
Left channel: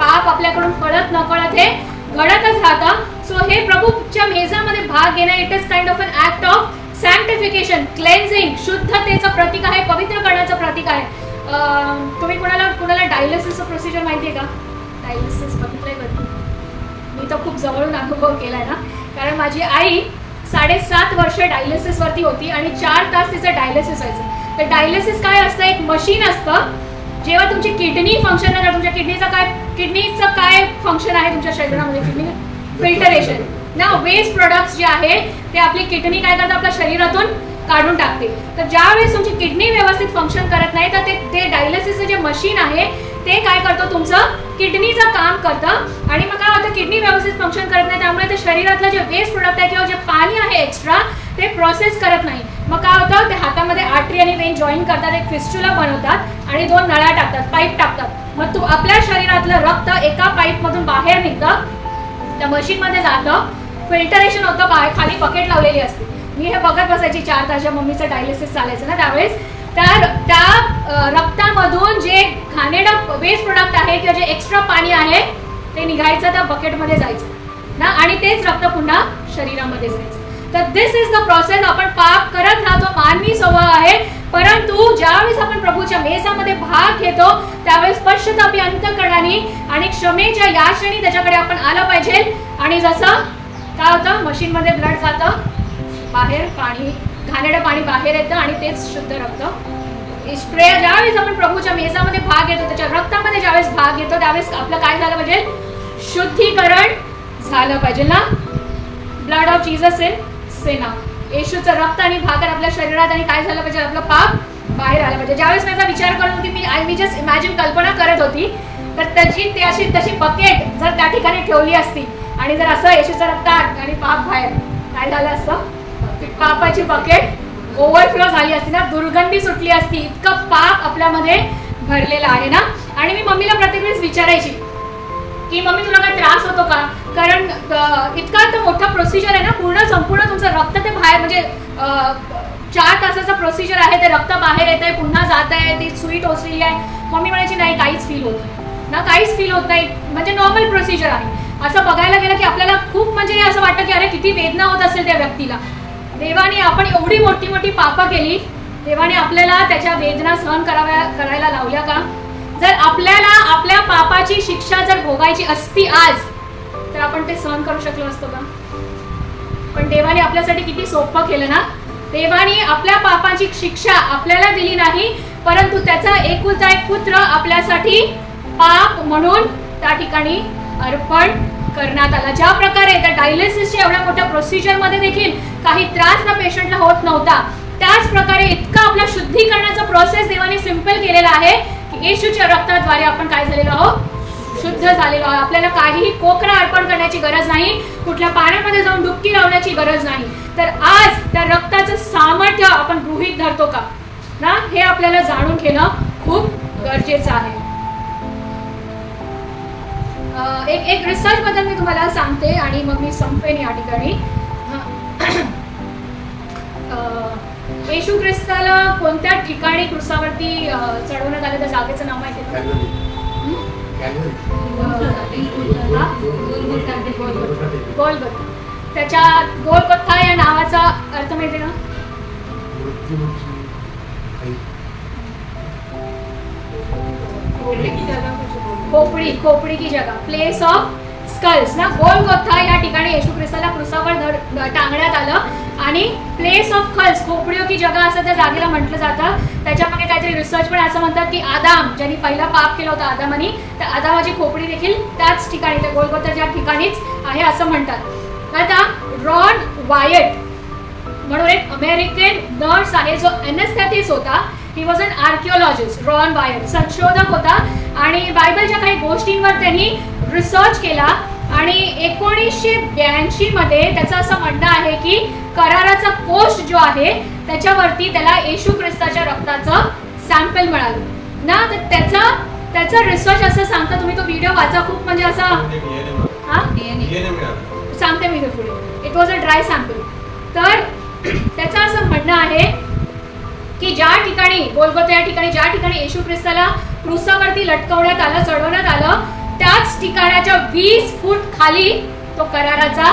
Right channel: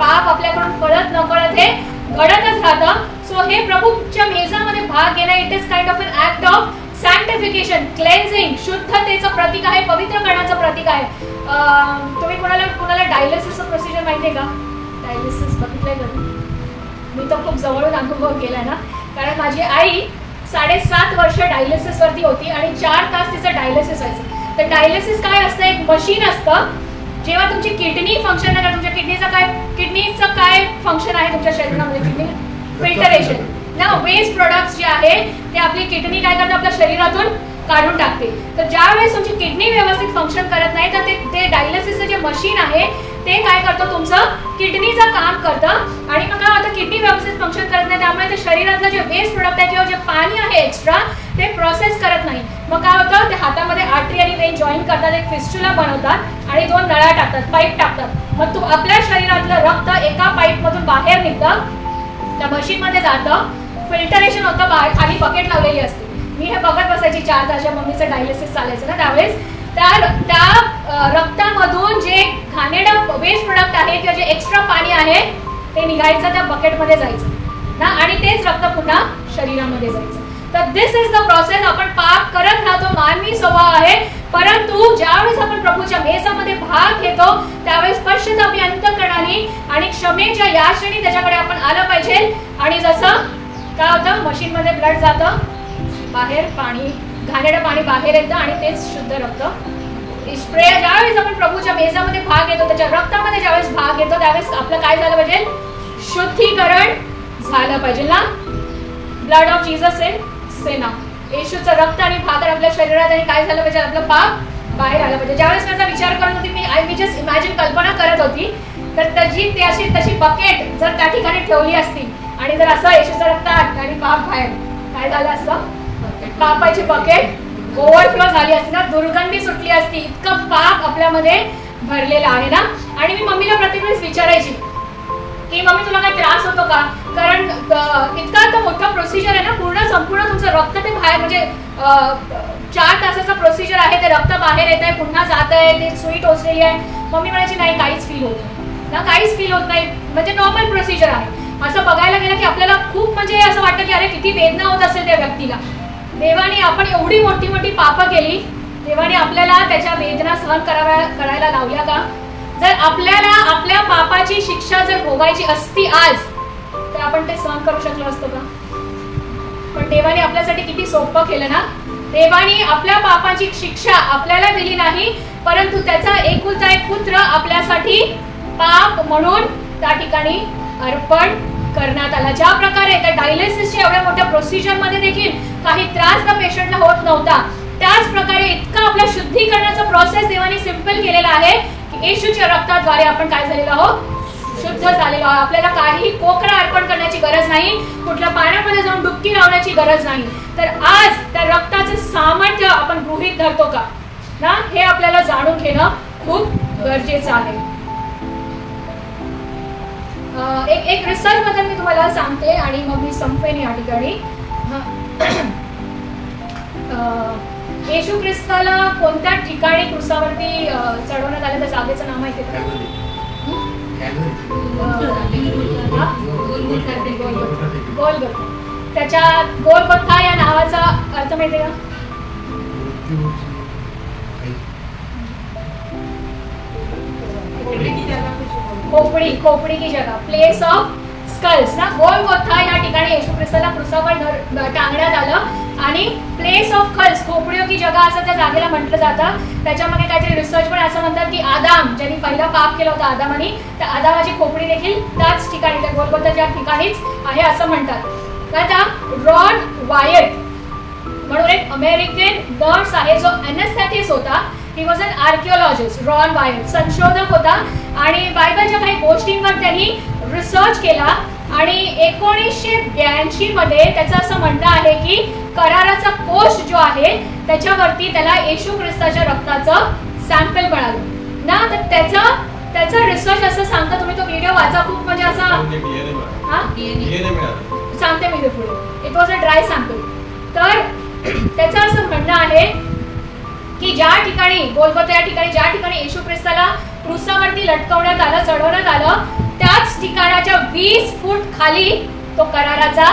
पाप आपल्याकडून कळत नकळत हे घडतच राहतं. सो हे प्रभूच्या मेजामध्ये भाग घेणं, it is kind of an act of sanctification, cleansing, शुद्धतेचं प्रतीक आहे, पवित्रकरणाचं प्रतीक आहे. तुम्ही कुणाला डायलिसिसचं प्रोसिजर माहिती आहे का? डायलिसिस बघितलंय कधी? मी तर खूप जवळून अनुभव केलाय ना, कारण माझी आई 7.5 वर्ष डायलिसिस वरती होती आणि 4 तास तिचं डायलिसिस व्हायचं. तर डायलिसिस काय असतं, एक मशीन असतं, जेव्हा तुमची किडनी फंक्शन नाही, तुमच्या किडनीचं काय फंक्शन आहे तुमच्या शरीरामध्ये, किडनी फिल्टरेशन ना, वेस्ट प्रोडक्ट्स जे आहे ते आपली किडनी काय करतात, आपल्या शरीरातून काढून टाकते. तर ज्या वेळेस तुमची किडनी व्यवस्थित फंक्शन करत नाही, तर ते डायलिसिसचं जे मशीन आहे ते काय करतं, तुमचं किडनीचं काम करतं. आणि मग काय होतं, किडनी व्यवस्थित फंक्शन करत नाही, त्यामुळे ते शरीरातलं जे वेस्ट प्रोडक्ट आहे किंवा जे पाणी आहे एक्स्ट्रा, ते प्रोसेस करत नाही. मग काय होतं, ते हातामध्ये आर्टरी आणि वेन जॉईन करतात, एक फिस्टुला बनवतात आणि 2 नळ्या टाकतात, पाईप टाकतात. मग आपल्या शरीरातलं रक्त एका पाईप मधून बाहेर निघतं, त्या मशीन मध्ये जातं, फिल्टरेशन होतं, बाहेर खाली बकेट लावलेली असते. मी हे बघत बसायची 4 तास, मम्मीचं डायलिसिस चालायचं ना त्यावेळेस. त्या रक्तामधून जे घाणेरडं वेस्ट प्रोडक्ट आहे किंवा जे एक्स्ट्रा पाणी आहे ते निघायचं, त्या बकेटमध्ये जायचं ना, आणि तेच रक्त पुन्हा शरीरामध्ये जायचं. तर दिस इज द प्रोसेस. आपण पाप करत राहतो, मानवी स्वभाव आहे, परंतु ज्यावेळेस आपण प्रभूच्या मेसामध्ये भाग घेतो त्यावेळेस पश्चातापी अंतःकरणाने आणि क्षमेच्या या क्षणी त्याच्याकडे आपण आलं पाहिजे. आणि जसं काय होतं, मशीनमध्ये ब्लड जातं, बाहेर पाणी, घाणेरडं पाणी बाहेर येतं आणि तेच शुद्ध रक्त. ज्यावेळेस आपण प्रभूच्या मेसामध्ये भाग घेतो, त्याच्या रक्तामध्ये ज्यावेळेस भाग घेतो त्यावेळेस आपलं काय झालं पाहिजे, शुद्धीकरण झालं पाहिजे ना. ब्लड ऑफ जीसस इन सेना, येशूचं रक्त आणि भाकर आपल्या शरीरात, आणि काय झालं पाहिजे, आपलं पाप बाहेर आलं पाहिजे. ज्यावेळेस त्याचा विचार करत होती मी जस्ट इमॅजिन, कल्पना करत होती, तर त्याची तशी बकेट जर त्या ठिकाणी ठेवली असती आणि जर असं येशूचं रक्त आणि पाप बाहेर, काय झालं असतं, पापाची बकेट ओव्हरफ्लो झाली असती ना, दुर्गंधी सुटली असती, इतकं पाप आपल्यामध्ये भरलेलं आहे ना. आणि मी मम्मीला प्रत्येक वेळेस विचारायची, की मम्मी तुला काय त्रास होतो का, कारण इतका तर मोठा प्रोसिजर आहे ना, संपूर्ण तुमचं रक्त ते बाहेर, म्हणजे 4 तासाचा प्रोसिजर आहे, ते रक्त बाहेर येत आहे, पुन्हा जात आहे, ते सुई टोचलेली आहे. मम्मी म्हणायची नाही काहीच फील होत नाही ना, काहीच फील होत नाही, म्हणजे नॉर्मल प्रोसिजर आहे. असं बघायला गेलं की आपल्याला खूप म्हणजे असं वाटतं की अरे किती वेदना होत असेल त्या व्यक्तीला. देवाने आपण एवढी मोठी मोठी पापं केली, देवाने आपल्याला त्याच्या वेदना सहन करायला लावल्या का? जर आपल्याला आपल्या पापाची शिक्षा जर भोगायची असती आज, तर आपण ते सहन करू शकलो असतो का? पण देवाने आपल्यासाठी किती सोपं केलं ना. देवाने आपल्या पापाची शिक्षा आपल्याला दिली नाही, परंतु त्याचा एकुलता एक पुत्र आपल्यासाठी पाप म्हणून त्या ठिकाणी अर्पण करण्यात आला. ज्या प्रकारे त्या डायलिसिसच्या एवढ्या मोठ्या प्रोसिजर मध्ये देखील काही त्रास त्या पेशंटला होत नव्हता, त्याच प्रकारे इतका आपल्या शुद्धीकरणाचा प्रोसेस देवाने सिंपल केलेला आहे की येशूच्या रक्ताद्वारे आपण काय झालेलो आहोत, शुद्ध झालेलो आहोत. आपल्याला काही कोकणा अर्पण करण्याची गरज नाही, कुठल्या पाण्यामध्ये जाऊन डुबकी लावण्याची गरज नाही. तर आज त्या रक्ताचं सामर्थ्य आपण गृहीत धरतो का ना, हे आपल्याला जाणून घेणं खूप गरजेचं आहे. एक रिसर्च बद्दल मी तुम्हाला सांगते आणि मग मी संपेन या ठिकाणी. येशू ख्रिस्ताला कोणत्या ठिकाणी क्रुसावरती चढवण्यात आलं त्या जागेचं नाव माहिती आहे का? गोलगोथा. त्याच्या गोलगोथा या नावाचा अर्थ माहिती आहे का? खोपडी की जगह, प्लेस ऑफ स्कल्स ना. गोलगोथा या ठिकाणी येशू ख्रिस्ताला क्रुसावर टांगण्यात आलं आणि प्लेस ऑफ स्कल्स, खोपडीओ की जगह असं त्या जागेला म्हटलं जातं. त्याच्यामध्ये काहीतरी रिसर्च पण असं म्हणतात की आदाम ज्यांनी पहिला पाप केला होता आदामानी, त्या आदामाची खोपडी देखील त्याच ठिकाणी, त्या गोलगोथाच्या ठिकाणीच आहे असं म्हणतात. आता रॉन वायट म्हणून एक अमेरिकन नर्स आहे जो एनेस्थेटिस्ट होता. He was an आर्किओलॉजिस्ट. रॉन वायट संशोधक होता आणि बायबलच्या काही गोष्टींवर त्यांनी रिसर्च केला आणि 1982 मध्ये त्याचं असं म्हणणं आहे की कराराचा कोश जो आहे त्याच्यावरती त्याला येशू ख्रिस्ताच्या रक्ताचं सॅम्पल मिळालं ना. तर त्याचं रिसर्च असं सांगतं, तुम्ही तो व्हिडिओ वाचा, खूप म्हणजे असं सांगते मी पुढे. It was a dry sample. तर त्याचं असं म्हणणं आहे की ज्या ठिकाणी गोलगोथा या ठिकाणी ज्या ठिकाणी येशू ख्रिस्ताला क्रुसावरती लटकवण्यात आलं, चढवण्यात आलं, त्याच ठिकाणाच्या 20 फूट खाली तो कराराचा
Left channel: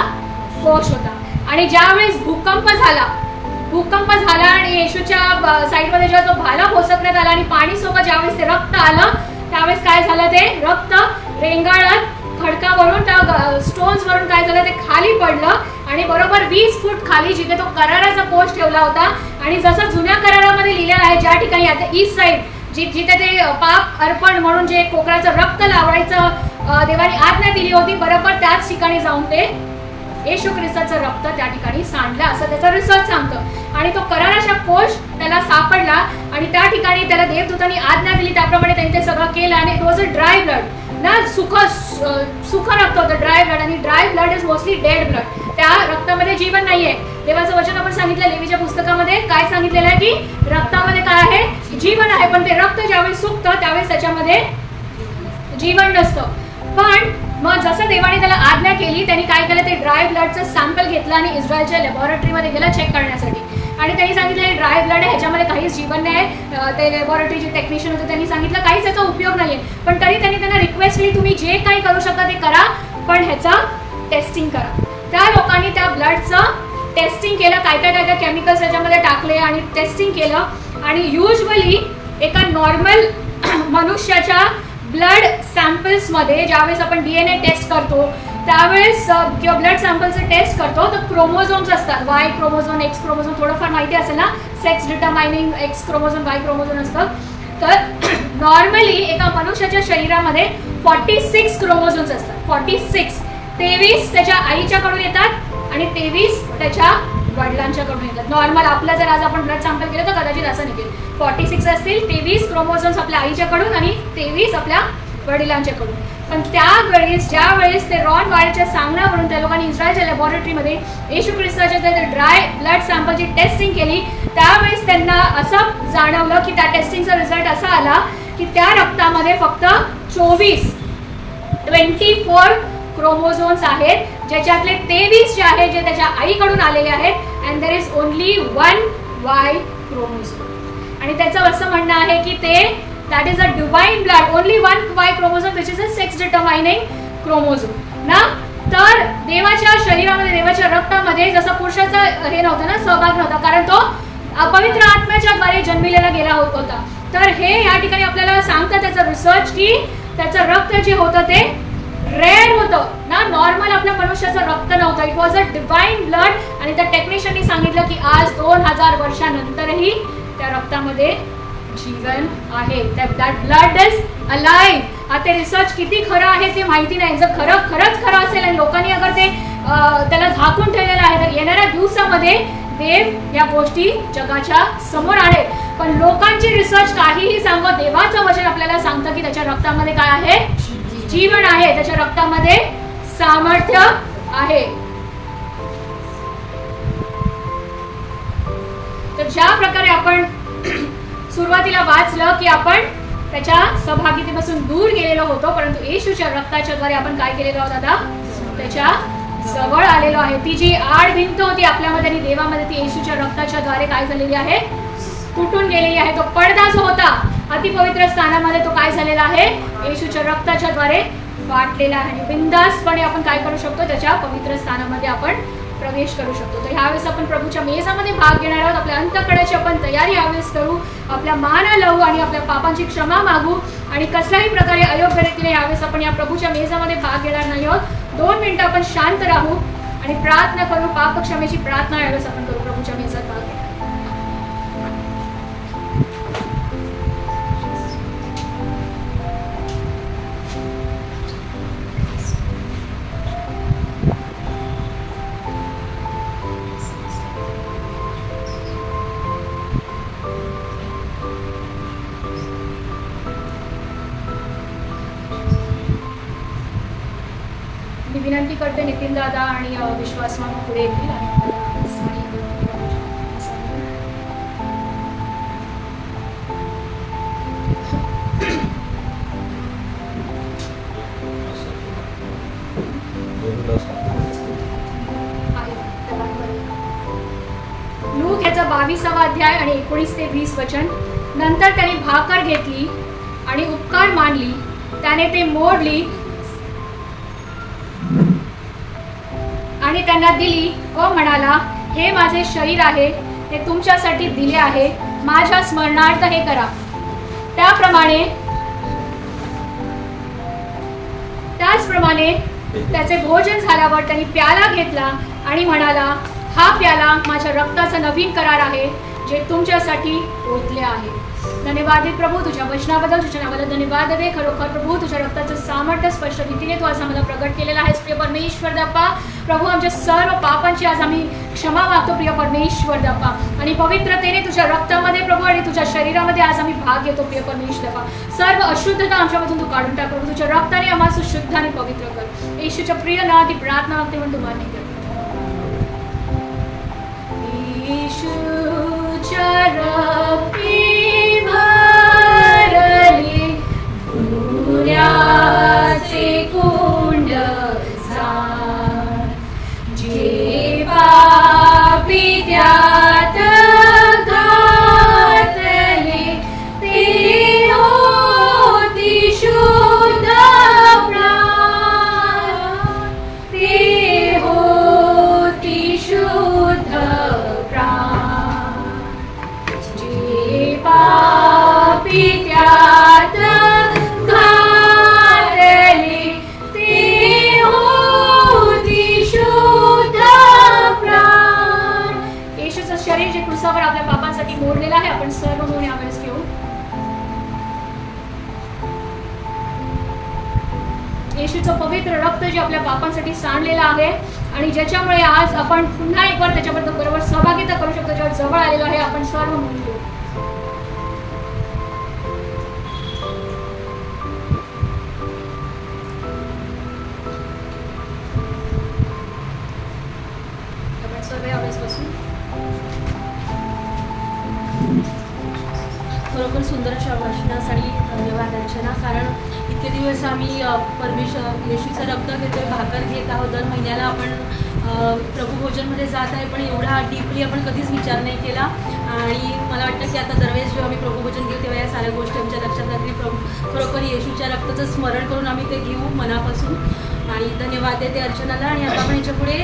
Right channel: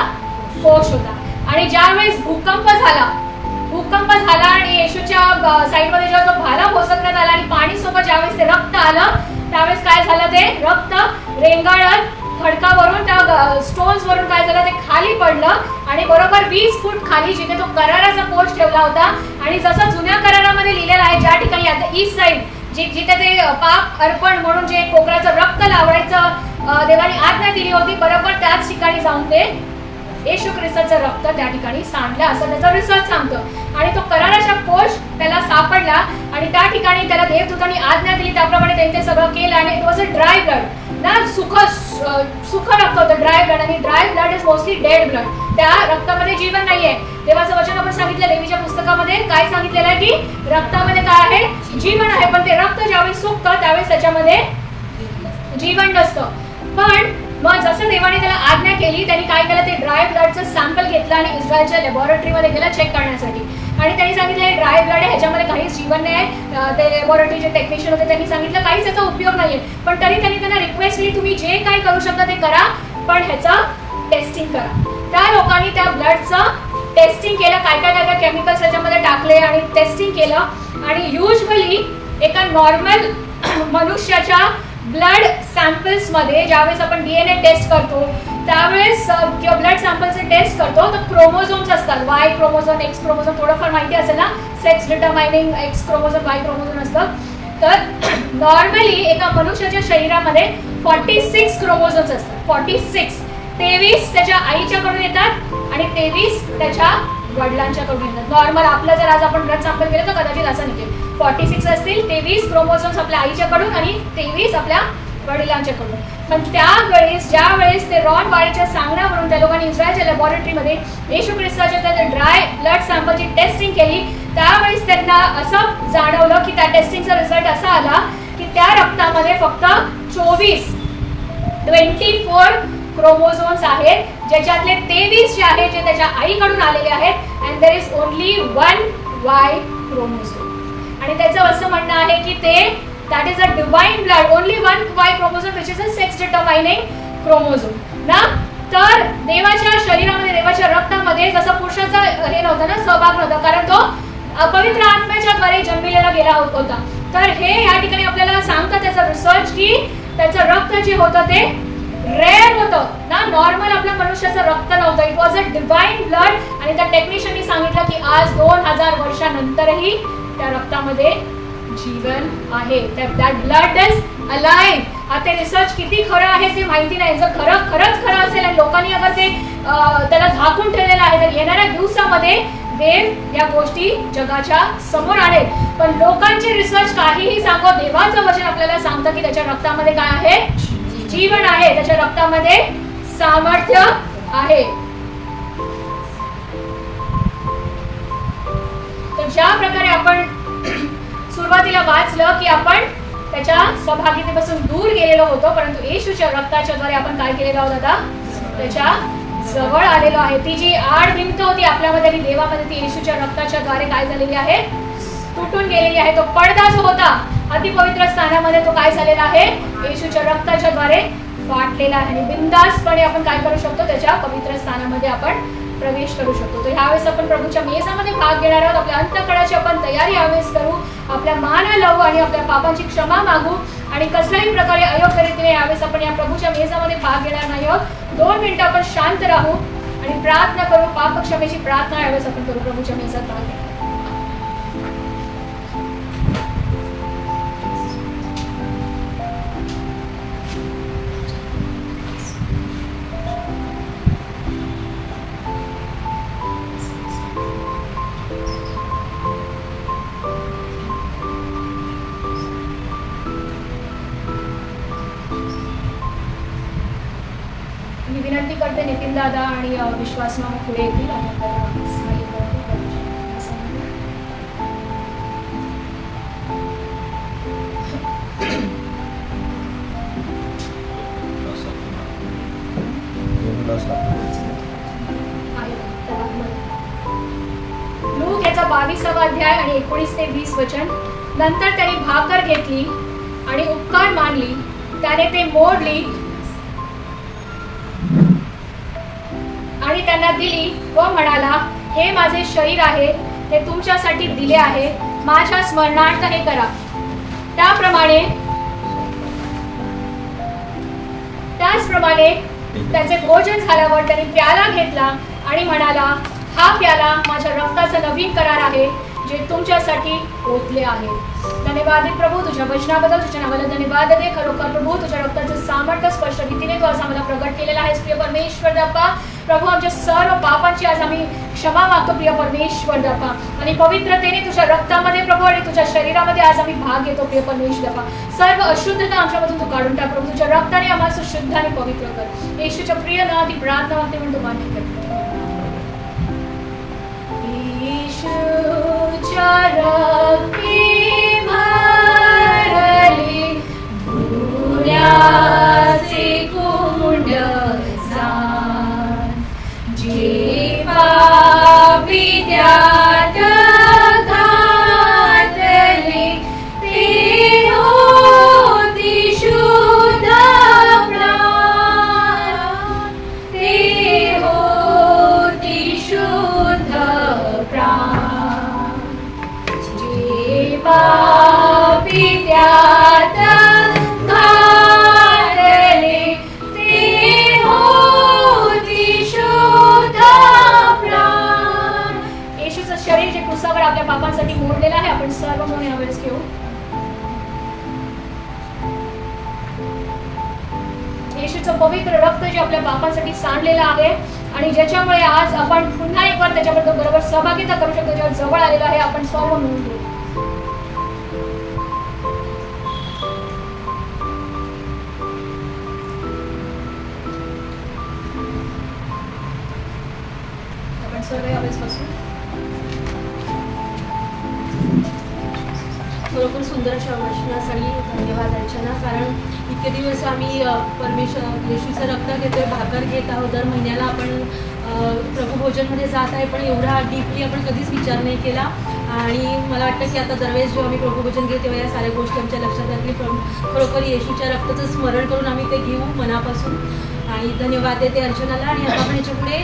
कोश होता. आणि ज्यावेळेस भूकंप झाला आणि येशूच्या साईडमध्ये जेव्हा तो भाला पोचवण्यात आला आणि पाणी सोबत ज्यावेळेस ते रक्त आलं, त्यावेळेस काय झालं, ते रक्त रेंगाळत खडकावरून त्या स्टोन्स वरून काय झालं, ते खाली पडलं आणि बरोबर 20 फूट खाली जिथे तो कराराचा कोश ठेवला होता आणि जसं जुन्या करारामध्ये लिहिलेलं आहे, ज्या ठिकाणी आता ईस्ट साईड जिथे ते पाप अर्पण म्हणून जे कोकराचं रक्त लावायचं देवाने आज्ञा दिली होती, बरोबर त्याच ठिकाणी जाऊन ते येशू ख्रिस्ताचं रक्त त्या ठिकाणी सांडलं असं त्याचा रिसर्च सांगतो. आणि तो कराराचा कोश त्याला सापडला आणि त्या ठिकाणी त्याला देवदूतांनी आज्ञा दिली, त्याप्रमाणे त्यांनी ते सगळं केलं आणि it was a dry blood ना, सुख रक्त होतं, ड्राय ब्लड. आणि dry blood is mostly dead blood. त्या रक्तामध्ये जीवन नाहीये. देवाचं वचन आपण सांगितलं लेवीच्या पुस्तकामध्ये काय सांगितलेलं आहे की रक्तामध्ये काय आहे, जीवन आहे, पण ते रक्त ज्यावेळेस सुकतं त्यावेळेस त्याच्यामध्ये जीवन नसतं. पण मग जसं देवाने त्याला आज्ञा केली, त्यांनी काय केलं, ते ड्राय ब्लडचं सॅम्पल घेतलं आणि इस्रायलच्या लॅबोरेटरीमध्ये गेलं चेक करण्यासाठी. आणि त्यांनी सांगितलं ड्राय ब्लड आहे, ह्याच्यामध्ये काहीच जीवन नाही. ते लॅबोरेटरीचे टेक्निशियन होते, त्यांनी सांगितलं काहीच याचा उपयोग नाहीये. पण तरी त्यांनी त्यांना रिक्वेस्ट केली, तुम्ही जे काही करू शकता ते करा, पण ह्याचं टेस्टिंग करा. त्या लोकांनी त्या ब्लडचं टेस्टिंग केलं, काय काय केमिकल्स त्याच्यामध्ये टाकले आणि टेस्टिंग केलं. आणि युजली एका नॉर्मल मनुष्याच्या ब्लड सॅम्पल्स मध्ये ज्यावेळेस आपण DNA टेस्ट करतो त्यावेळेस किंवा ब्लड सॅम्पलचं टेस्ट करतो तर क्रोमोझोम्स असतात, Y क्रोमोझोम, X क्रोमोझोम, थोडंफार माहिती असेल ना, sex डिटरमायनिंग X chromosome, Y chromosome असतं. तर नॉर्मली एका मनुष्याच्या शरीरामध्ये 46 क्रोमोझोम्स असतात. 46, 23 त्याच्या आईच्याकडून येतात आणि 23 त्याच्या वडिलांच्याकडून येतात. नॉर्मल आपलं जर आज आपण ब्लड सॅम्पल केलं तर कदाचित असं निघेल, 46 असतील, 23 क्रोमोझोम्स आपल्या आईच्याकडून आणि 23 आपल्या वडिलांच्याकडून. पण त्यावेळेस ज्यावेळेस ते रॉन वायटच्या सांगण्यावरून त्या लोकांनी इस्रायलच्या लॅबोरेटरीमध्ये येशू ख्रिस्ताच्या त्या ड्राय ब्लड सॅम्पलची टेस्टिंग केली, त्यावेळेस त्यांना असं जाणवलं की त्या टेस्टिंगचा रिझल्ट असा आला की त्या रक्तामध्ये फक्त 24 क्रोमोझोम्स आहेत, ज्याच्यातले 23 जे आहेत जे त्याच्या आईकडून आलेले आहेत, and there is only 1 Y chromosome. आणि त्याचं असं म्हणणं आहे की ते that is a divine blood, only 1 Y chromosome which is a sex determining chromosome ना. तर देवाच्या शरीरामध्ये, देवाच्या रक्तामध्ये जसं पुरुषाचा हे नव्हतं ना, सहभाग नव्हता, कारण तो पवित्र आत्म्याच्या द्वारे जन्मलेला गेला होता. तर हे या ठिकाणी आपल्याला सांगतात त्याचं रिसर्च की त्याचं रक्त जे होतं ते रेअर होतं ना, नॉर्मल आपल्या मनुष्याचं रक्त नव्हतं, it was a divine blood. आणि त्या टेक्निशियननी सांगितलं की आज 2000 वर्षानंतरही त्या रक्तामध्ये जीवन आहे, दॅट ब्लड इज अलाइव्ह. आता रिसर्च किती खरं आहे ते माहिती नाही, जर खरंच खरं असेल आणि लोकांनी अगर ते त्याला झाकून ठेवलेलं आहे तर येणाऱ्या दिवसामध्ये देव या गोष्टी जगाच्या समोर आहेत. पण लोकांचे रिसर्च काहीही सांगो, देवाचं वचन आपल्याला सांगतं की त्याच्या रक्तामध्ये काय आहे, जीवन आहे, त्याच्या रक्तामध्ये सामर्थ्य आहे. तर ज्या प्रकारे आपण सुरुवातीला वाचलं की आपण त्याच्या सहभागितेपासून दूर गेलेलो होतो, परंतु येशूच्या रक्ताच्या द्वारे आपण काय केलेलो आहोत, आता त्याच्या जवळ आलेलो आहे. ती जी आड भिंत होती आपल्यामध्ये आणि देवामध्ये, ती येशूच्या रक्ताच्या द्वारे काय झालेली आहे, तुटून गेलेली आहे. तो पडदा जो होता अतिपवित्र स्थानामध्ये, तो काय झालेला आहे, येशूच्या रक्ताच्या द्वारे फाटलेला आहे. आणि बिनधास्तपणे आपण काय करू शकतो, त्याच्या पवित्र स्थानामध्ये आपण प्रवेश करू शकतो. तर ह्यावेळेस आपण प्रभूच्या मेजामध्ये भाग घेणार आहोत. आपल्या अंतःकरणाची आपण तयारी यावेळेस करू, आपल्या माना लावू आणि आपल्या पापांची क्षमा मागू. आणि कसल्याही प्रकारे अयोग्य रीतीने यावेळेस आपण या प्रभूच्या मेजामध्ये भाग घेणार नाही आहोत. 2 मिनिटं आपण शांत राहू आणि प्रार्थना करू, पाप क्षमेची प्रार्थना यावेळेस आपण करू प्रभूच्या मेजात भाग घेणार. मी विनंती करते नितीन दादा आणि विश्वास मामा पुढे येतील आणि आपल्याला सहाय्य करतील. लूक याचा 22वा अध्याय आणि 19 ते 20 वचन. नंतर त्यांनी भाकर घेतली आणि उपकार मानली, त्याने ते मोडली आणि त्यांना दिली व म्हणाला, हे माझे शरीर आहे, ते तुमच्यासाठी दिले आहे, माझ्या स्मरणार्थ हे करा. त्याचप्रमाणे त्याचे भोजन झाल्यावर त्यांनी प्याला घेतला आणि म्हणाला, हा प्याला माझ्या रक्ताचा नवीन करार आहे, जे तुमच्यासाठी ओतले आहे. धन्यवाद प्रभू तुझ्या वचनाबद्दल, तुझ्या नावाला धन्यवाद दे. खरोखर प्रभू तुझ्या रक्ताचं सामर्थ्य स्पष्ट रीतीने तू आज आम्हाला प्रगट केलेला आहेस प्रिय परमेश्वर दप्पा. प्रभू आमच्या सर्व पापांची आज आम्ही क्षमा मागतो प्रिय परमेश्वर दप्पा. आणि पवित्रतेने तुझ्या रक्तामध्ये प्रभू आणि तुझ्या शरीरामध्ये आज आम्ही भाग घेतो प्रिय परमेश्वर दप्पा. सर्व अशुद्धता आमच्यामधून तू काढून टाक प्रभू. तुझ्या रक्ताने आम्हाला शुद्ध आणि पवित्र कर. येशूच्या प्रिय नावात ही प्रार्थना मागते म्हणून तू मान्य कर. येशूच्या रक्ती भरली पुण्याचे कुंड सांड, जे पापी त्यात घातले, ते होती शुद्ध प्राण, ते होती शुद्ध प्राण, जे पापी त्यात घातले, ते होती शुद्ध प्राण. येशूचं शरीर जे क्रूसावर आपल्या पापांसाठी मोडलेलं आहे, आपण सर्व म्हणून यावेळेस घेऊ. येशूचं पवित्र रक्त जे आपल्या पापांसाठी सांडलेलं आहे आणि ज्याच्यामुळे आज आपण पुन्हा एक बार त्याच्याबद्दल बरोबर सहभागिता करू शकतो, ज्याच्या जवळ आलेलं आहे, आपण सर्व मिळून घेऊ. आपण सर्व यावेळेस बसू. खरोखर सुंदर अशा वचनासाठी धन्यवाद अर्चना, कारण इतके दिवस आम्ही येशूचं रक्त घेतोय, भाकर घेत आहोत, दर महिन्याला आपण प्रभुभोजनमध्ये जात आहे, पण एवढा डीपली आपण कधीच विचार नाही केला. आणि मला वाटतं की आता दरवेळेस जेव्हा आम्ही प्रभुभोजन घेऊ तेव्हा या साऱ्या गोष्टी आमच्या लक्षात राहतील. खरोखर येशूच्या रक्ताचं स्मरण करून आम्ही ते घेऊ मनापासून. आणि धन्यवाद देते अर्चनाला. आणि आता आपण याच्या पुढे